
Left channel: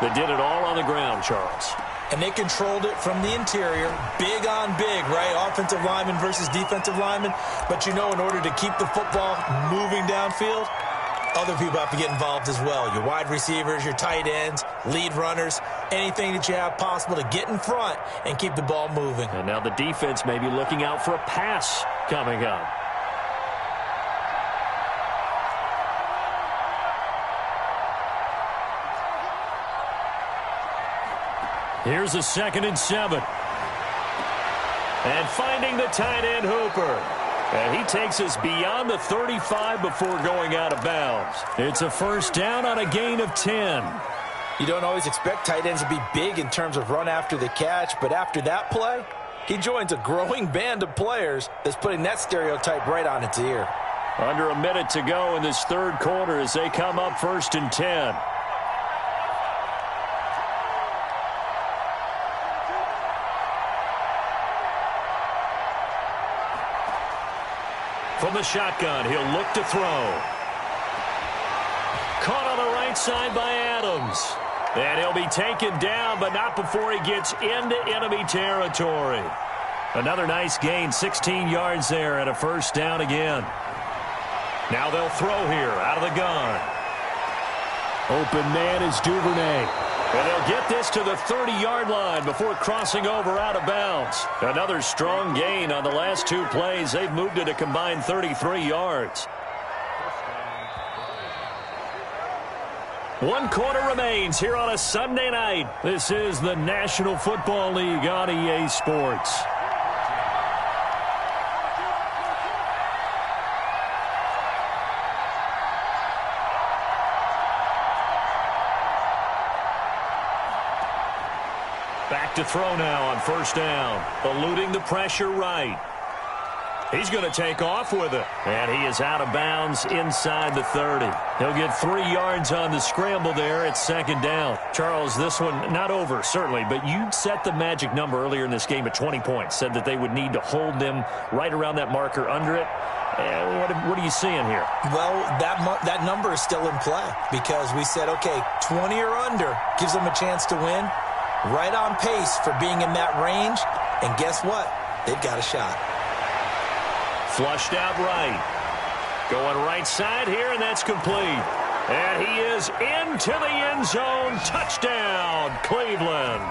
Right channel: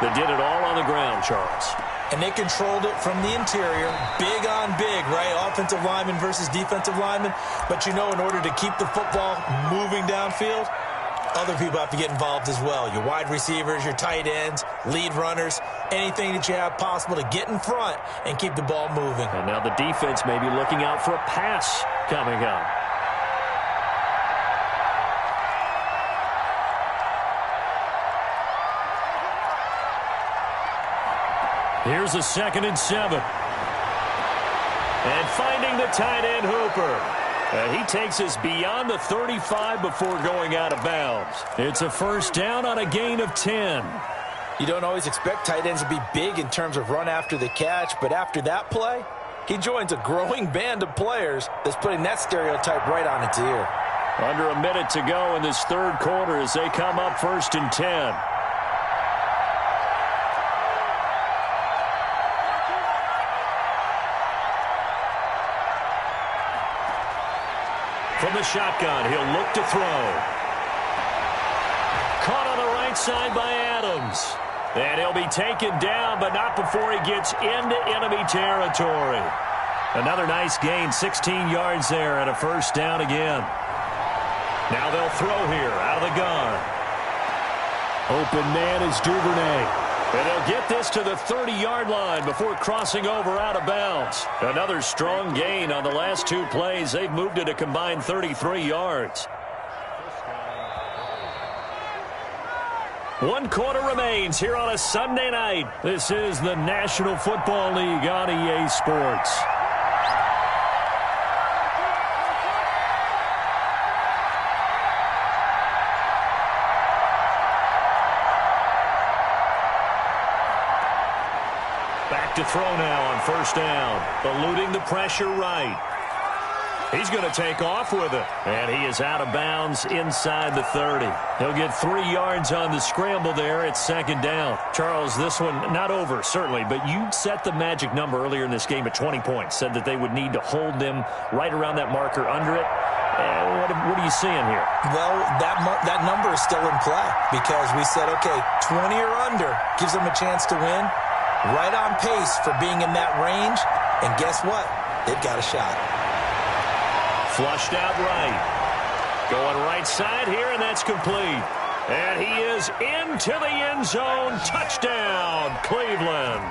that did it all on the ground, Charles. And they controlled it from the interior, big on big, right? Offensive lineman versus defensive lineman. But you know, in order to keep the football moving downfield, other people have to get involved as well. Your wide receivers, your tight ends, lead runners, anything that you have possible to get in front and keep the ball moving. And now the defense may be looking out for a pass coming up. Here's a 2nd and 7. And finding the tight end, Hooper. And he takes us beyond the 35 before going out of bounds. It's a first down on a gain of 10. You don't always expect tight ends to be big in terms of run after the catch, but after that play, he joins a growing band of players that's putting that stereotype right on its ear. Under a minute to go in this third quarter as they come up 1st and 10. From the shotgun, he'll look to throw. Caught on the right side by Adams. And he'll be taken down, but not before he gets into enemy territory. Another nice gain, 16 yards there, and a first down again. Now they'll throw here out of the gun. Open man is Duvernay. And they'll get this to the 30-yard line before crossing over out of bounds. Another strong gain on the last 2 plays. They've moved it a combined 33 yards. 1 quarter remains here on a Sunday night. This is the National Football League on EA Sports. Back to throw now on first down. Eluding the pressure right. He's going to take off with it. And he is out of bounds inside the 30. He'll get 3 yards on the scramble there at 2nd down. Charles, this one not over, certainly, but you set the magic number earlier in this game at 20 points. Said that they would need to hold them right around that marker under it. What are you seeing here? Well, that number is still in play because we said, okay, 20 or under gives them a chance to win. Right on pace for being in that range. And guess what? They've got a shot. Flushed out right. Going right side here, and that's complete. And he is into the end zone. Touchdown, Cleveland.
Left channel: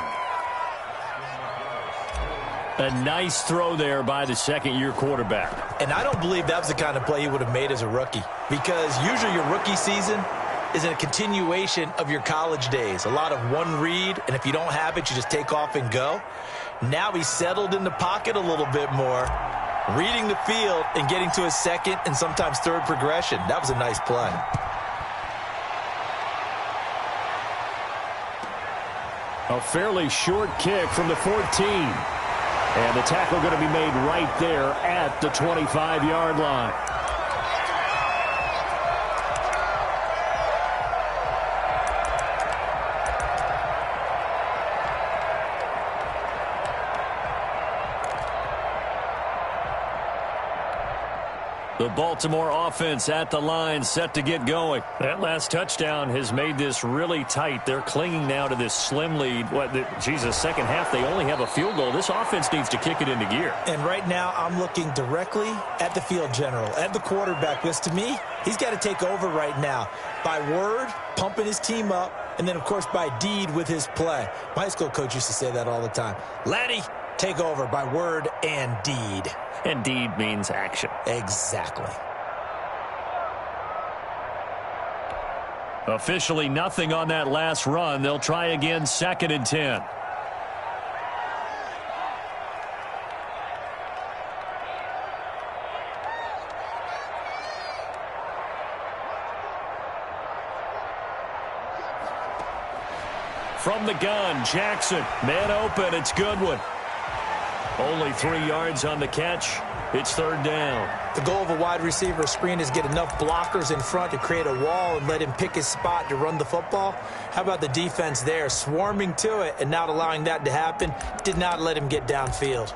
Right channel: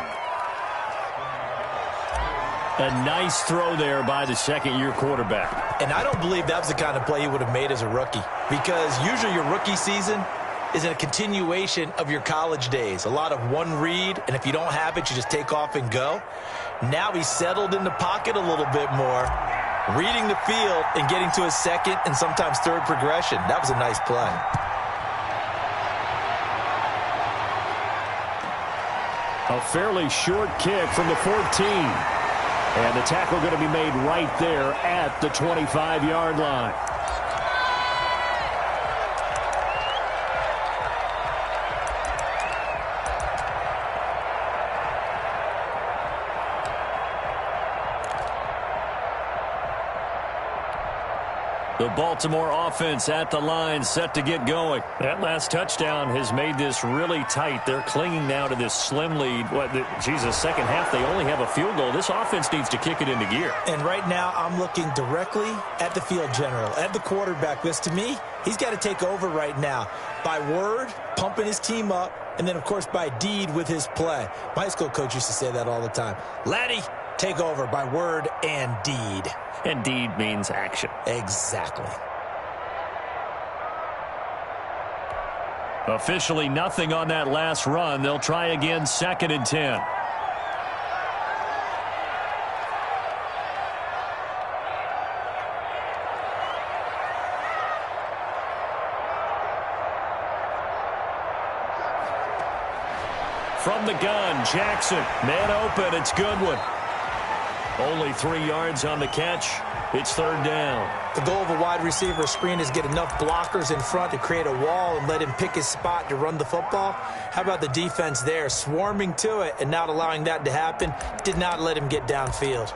A nice throw there by the second-year quarterback. And I don't believe that was the kind of play he would have made as a rookie. Because usually your rookie season is a continuation of your college days. A lot of one read, and if you don't have it, you just take off and go. Now he's settled in the pocket a little bit more, reading the field and getting to his second and sometimes third progression. That was a nice play. A fairly short kick from the 14. And the tackle going to be made right there at the 25-yard line. The Baltimore offense at the line, set to get going. That last touchdown has made this really tight. They're clinging now to this slim lead. Second half, they only have a field goal. This offense needs to kick it into gear. And right now, I'm looking directly at the field general, at the quarterback. Because to me, he's got to take over right now. By word, pumping his team up, and then, of course, by deed with his play. My high school coach used to say that all the time. Laddie, Take over by word and deed. And deed means action. Exactly. Officially nothing on that last run. They'll try again, 2nd and 10. From the gun, Jackson. Man open, it's Goodwin. Only 3 yards on the catch. It's 3rd down. The goal of a wide receiver screen is get enough blockers in front to create a wall and let him pick his spot to run the football. How about the defense there, swarming to it and not allowing that to happen? Did not let him get downfield.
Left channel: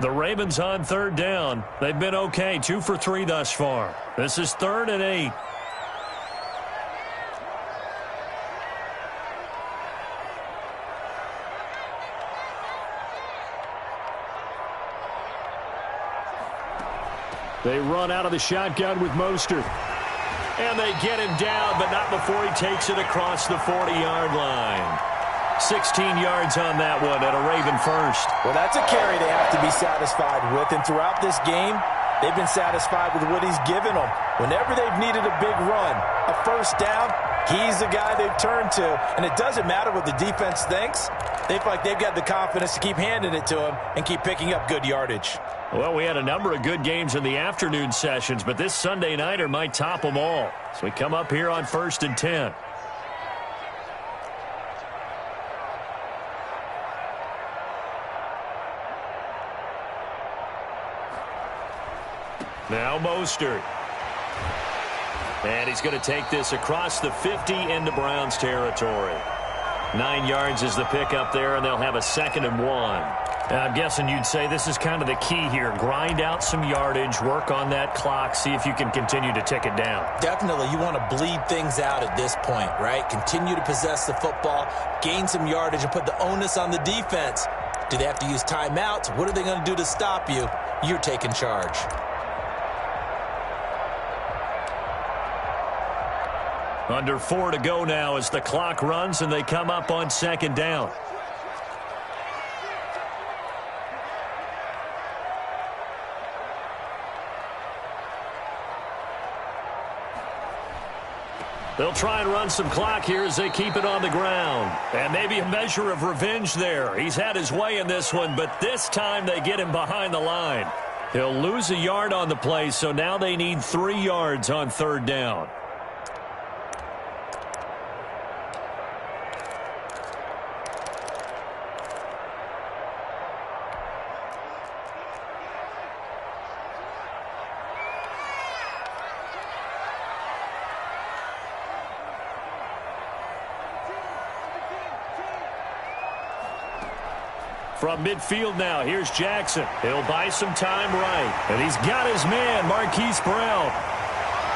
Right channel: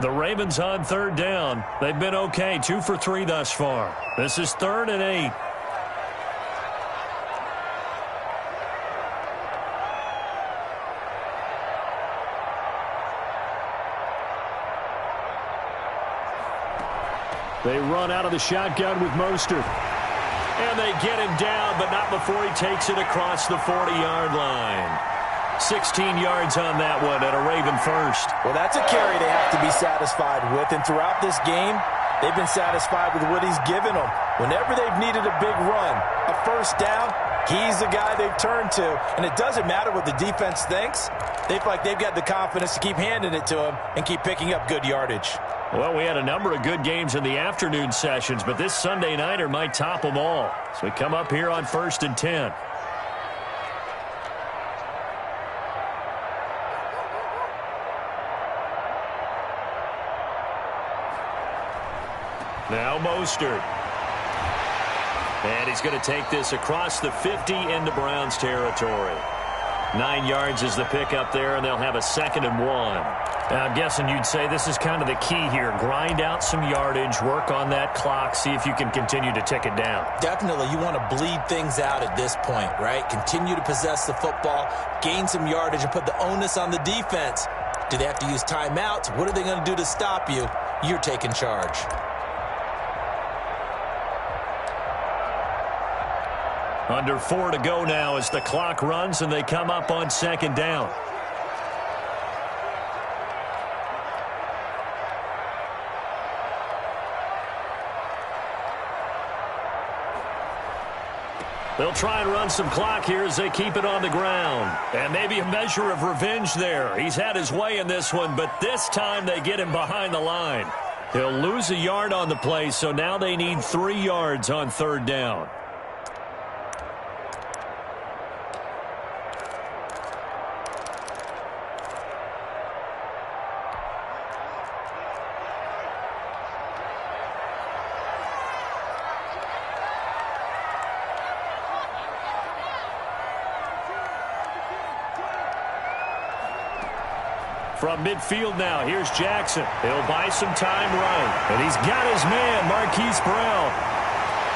The Ravens on 3rd down. They've been okay, 2 for 3 thus far. This is 3rd and 8. They run out of the shotgun with Mostert. And they get him down, but not before he takes it across the 40-yard line. 16 yards on that one at a Raven first. Well, that's a carry they have to be satisfied with. And throughout this game, they've been satisfied with what he's given them. Whenever they've needed a big run, a first down, he's the guy they've turned to. And it doesn't matter what the defense thinks. They feel like they've got the confidence to keep handing it to him and keep picking up good yardage. Well, we had a number of good games in the afternoon sessions, but this Sunday nighter might top them all. So we come up here on 1st and 10. Now Mostert. And he's going to take this across the 50 into Browns territory. 9 yards is the pickup there, and they'll have a 2nd and 1. I'm guessing you'd say this is kind of the key here. Grind out some yardage, work on that clock, see if you can continue to tick it down. Definitely. You want to bleed things out at this point, right? Continue to possess the football, gain some yardage, and put the onus on the defense. Do they have to use timeouts? What are they going to do to stop you? You're taking charge. Under 4 to go now as the clock runs and they come up on 2nd down. They'll try and run some clock here as they keep it on the ground. And maybe a measure of revenge there. He's had his way in this one, but this time they get him behind the line. He'll lose a yard on the play, so now they need 3 yards on 3rd down. From midfield now, here's Jackson. He'll buy some time right. And he's got his man, Marquise Brown.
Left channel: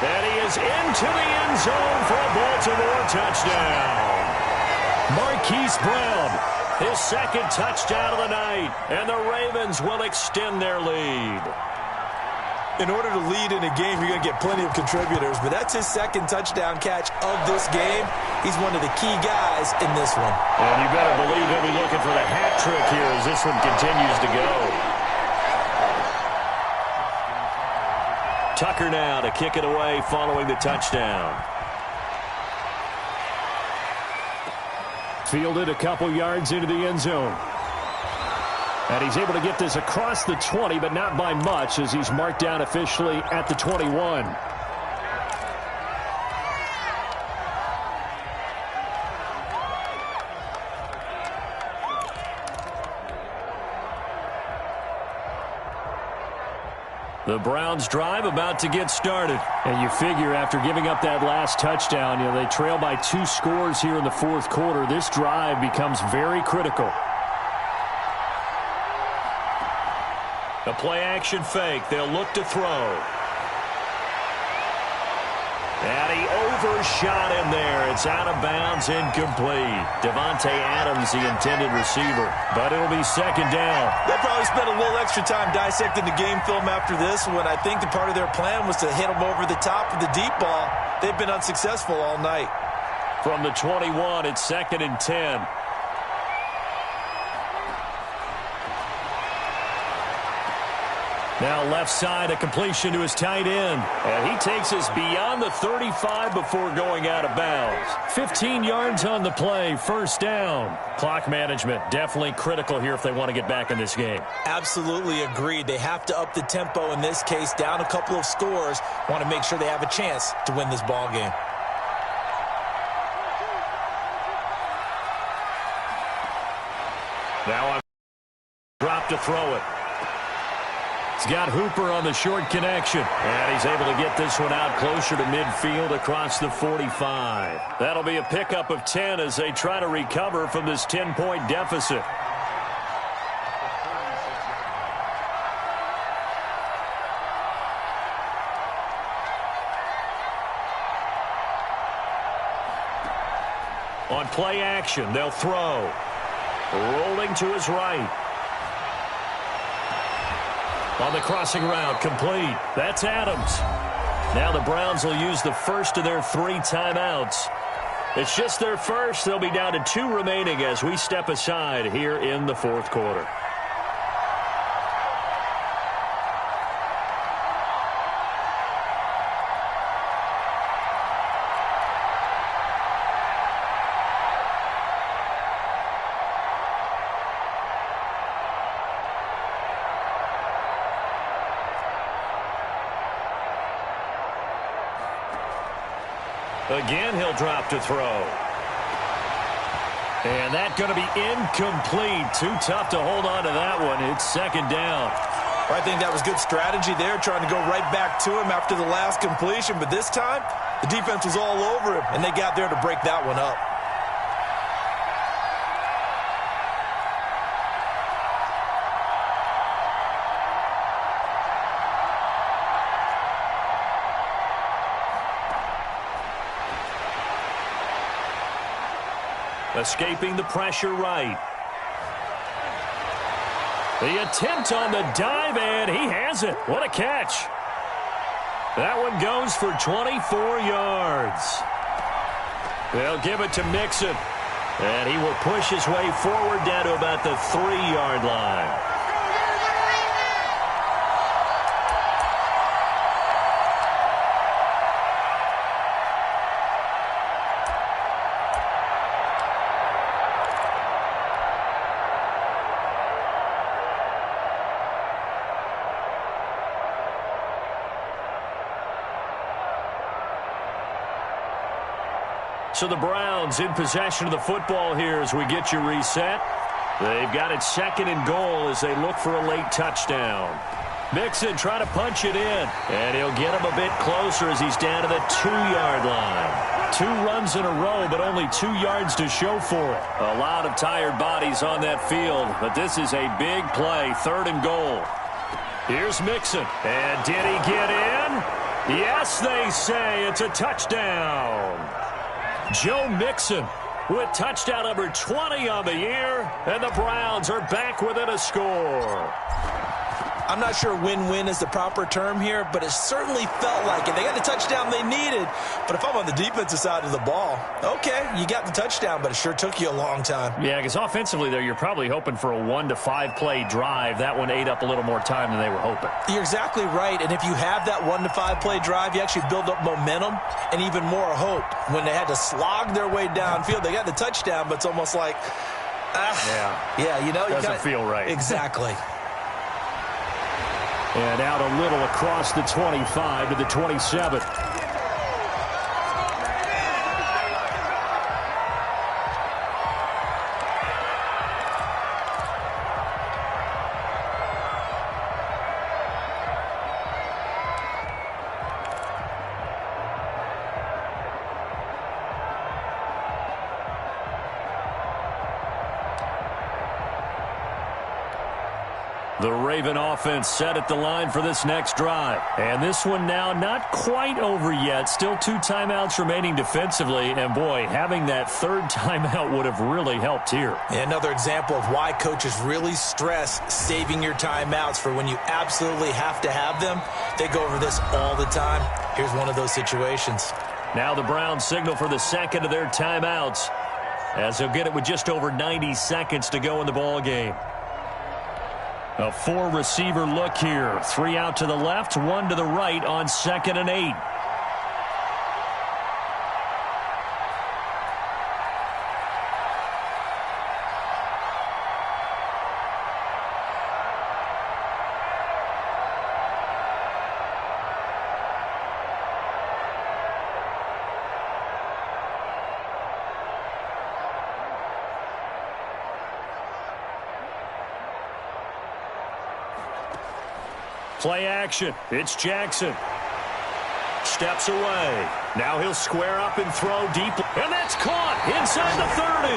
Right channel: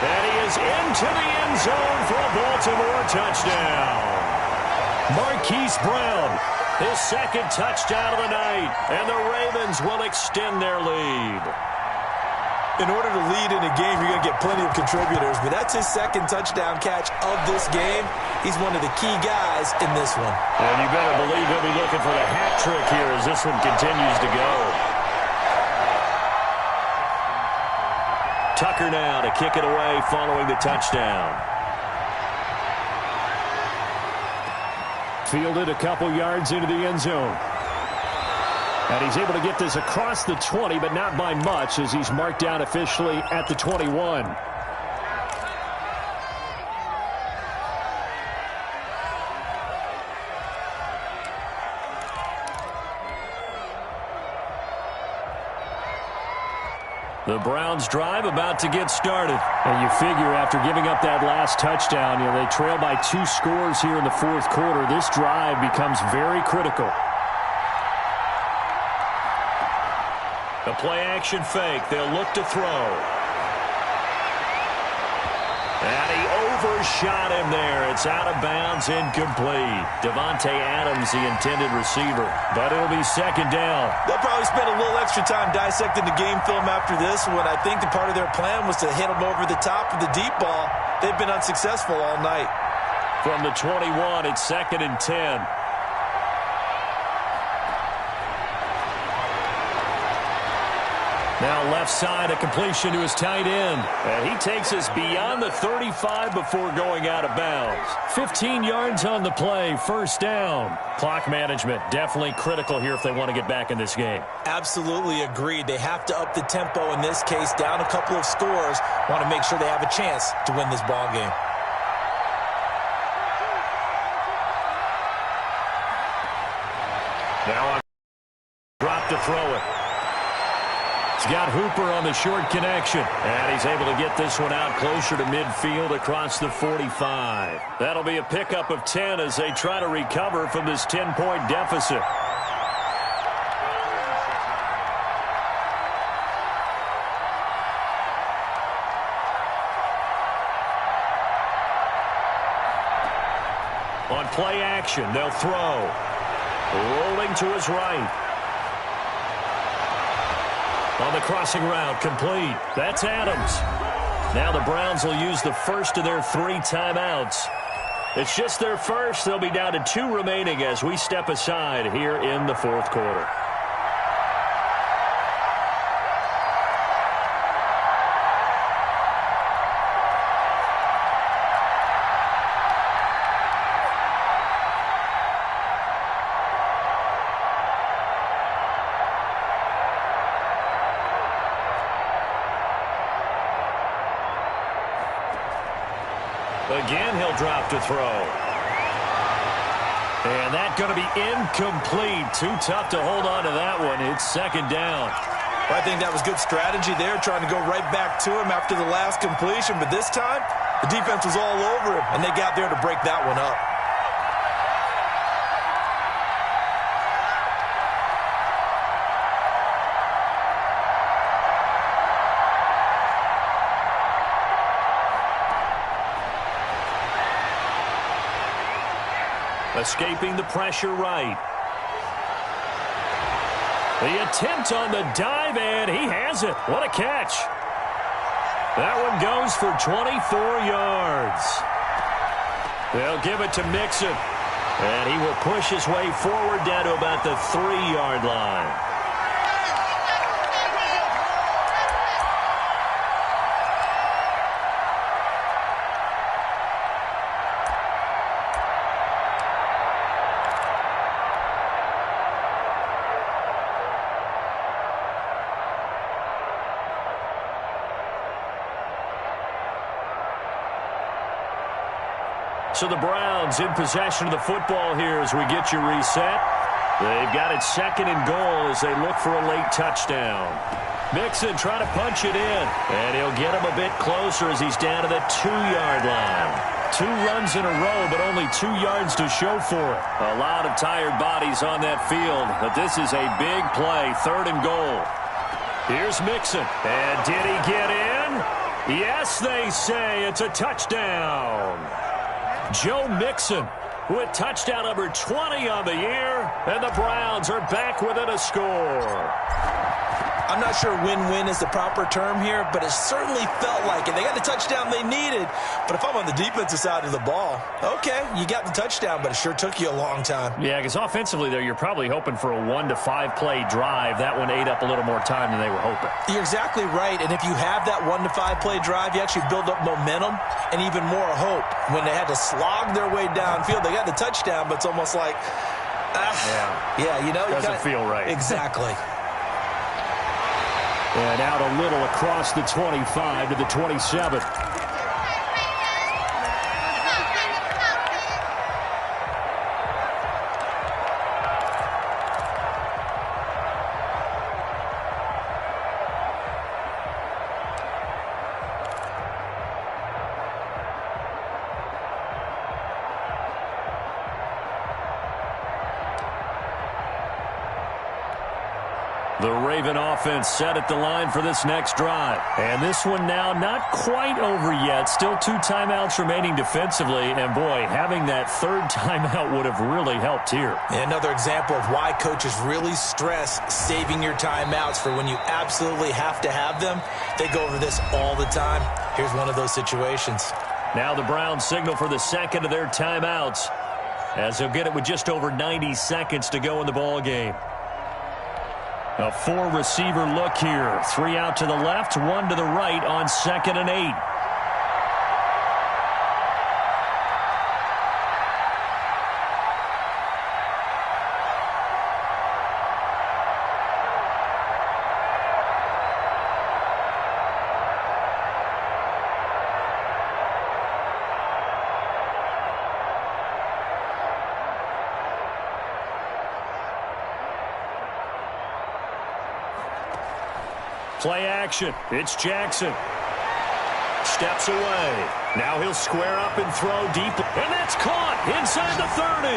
And he is into the end zone for a Baltimore touchdown. Marquise Brown, his 2nd touchdown of the night. And the Ravens will extend their lead. In order to lead in a game, you're going to get plenty of contributors, but that's his 2nd touchdown catch of this game. He's one of the key guys in this one. And you better believe he'll be looking for the hat trick here as this one continues to go. Tucker now to kick it away following the touchdown. Fielded a couple yards into the end zone. And he's able to get this across the 20, but not by much as he's marked down officially at the 21. The Browns drive about to get started. And you figure after giving up that last touchdown, they trail by 2 scores here in the 4th quarter. This drive becomes very critical. The play-action fake. They'll look to throw. And he overshot him there. It's out of bounds, incomplete. Devontae Adams, the intended receiver. But it'll be 2nd down. They'll probably spend a little extra time dissecting the game film after this one. I think the part of their plan was to hit him over the top of the deep ball. They've been unsuccessful all night. From the 21, it's 2nd and 10. Now left side, a completion to his tight end. And he takes us beyond the 35 before going out of bounds. 15 yards on the play, first down. Clock management definitely critical here if they want to get back in this game. Absolutely agreed. They have to up the tempo in this case, down a couple of scores. Want to make sure they have a chance to win this ball game. Now on drop to throw it. He's got Hooper on the short connection. And he's able to get this one out closer to midfield across the 45. That'll be a pickup of 10 as they try to recover from this 10-point deficit. On play action, they'll throw. Rolling to his right. On the crossing route, complete. That's Adams. Now the Browns will use the first of their 3 timeouts. It's just their first. They'll be down to 2 remaining as we step aside here in the 4th quarter. Again, he'll drop to throw. And that's going to be incomplete. Too tough to hold on to that one. It's 2nd down. Well, I think that was good strategy there, trying to go right back to him after the last completion. But this time, the defense was all over him, and they got there to break that one up. Escaping the pressure right. The attempt on the dive, and he has it. What a catch. That one goes for 24 yards. They'll give it to Mixon. And he will push his way forward down to about the 3-yard line. So the Browns in possession of the football here as we get you reset. They've got it 2nd and goal as they look for a late touchdown. Mixon trying to punch it in. And he'll get him a bit closer as he's down to the 2-yard line. 2 runs in a row, but only 2 yards to show for it. A lot of tired bodies on that field, but this is a big play, 3rd and goal. Here's Mixon. And did he get in? Yes, they say it's a touchdown. Joe Mixon with touchdown number 20 on the year, and the Browns are back within a score. I'm not sure win-win is the proper term here, but it certainly felt like it. They got the touchdown they needed, but if I'm on the defensive side of the ball, okay, you got the touchdown, but it sure took you a long time. Yeah, because offensively there, you're probably hoping for a 1 to 5 play drive. That one ate up a little more time than they were hoping. You're exactly right, and if you have that 1 to 5 play drive, you actually build up momentum and even more hope. When they had to slog their way downfield, they got the touchdown, but it's almost like, yeah, you know, doesn't feel right. Exactly. And out a little across the 25 to the 27. The Raven offense set at the line for this next drive. And this one now not quite over yet. Still 2 timeouts remaining defensively. And, boy, having that 3rd timeout would have really helped here. Another example of why coaches really stress saving your timeouts for when you absolutely have to have them. They go over this all the time. Here's one of those situations. Now the Browns signal for the second of their timeouts, as they'll get it with just over 90 seconds to go in the ball game. A 4-receiver look here. 3 out to the left, 1 to the right on 2nd and 8. Play action. It's Jackson. Steps away. Now he'll square up and throw deep. And that's caught inside the 30.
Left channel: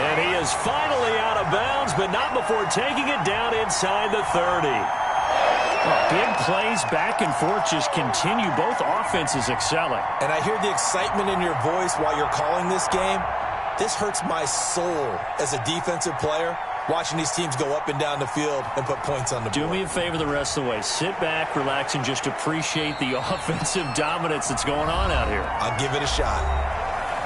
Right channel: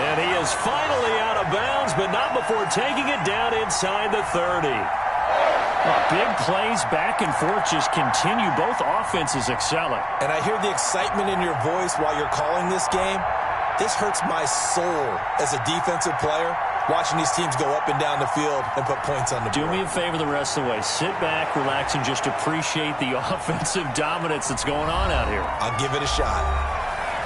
And he is finally out of bounds, but not before taking it down inside the 30. Well, big plays back and forth just continue. Both offenses excelling. And I hear the excitement in your voice while you're calling this game. This hurts my soul as a defensive player, watching these teams go up and down the field and put points on the board. Do me a favor the rest of the way. Sit back, relax, and just appreciate the offensive dominance that's going on out here. I'll give it a shot.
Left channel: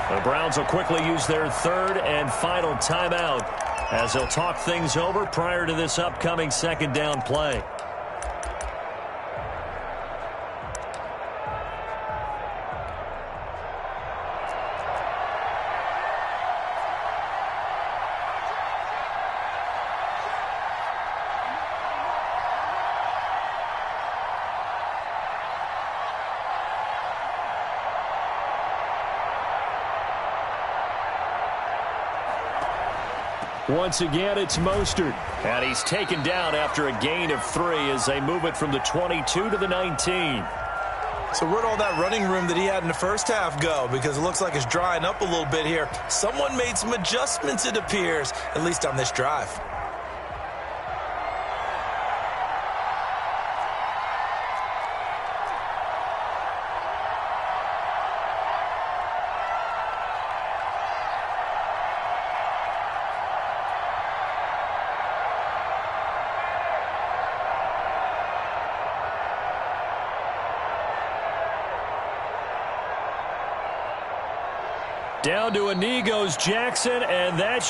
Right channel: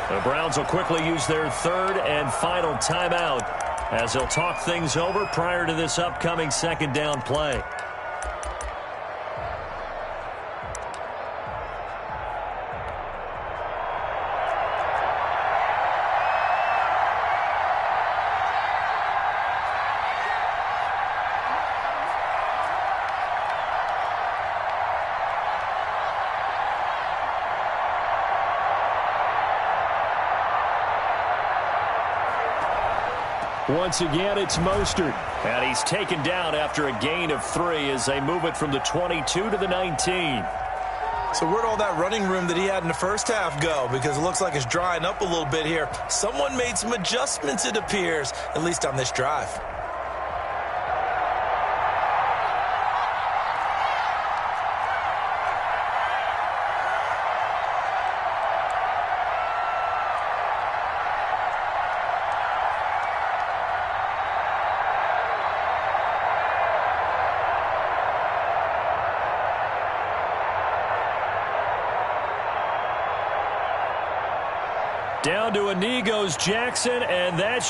The Browns will quickly use their 3rd and final timeout as they'll talk things over prior to this upcoming 2nd down play. Once again, it's Mostert. And he's taken down after a gain of 3 as they move it from the 22 to the 19. So where'd all that running room that he had in the first half go? Because it looks like it's drying up a little bit here. Someone made some adjustments, it appears, at least on this drive. Down to a knee goes Jackson, and that's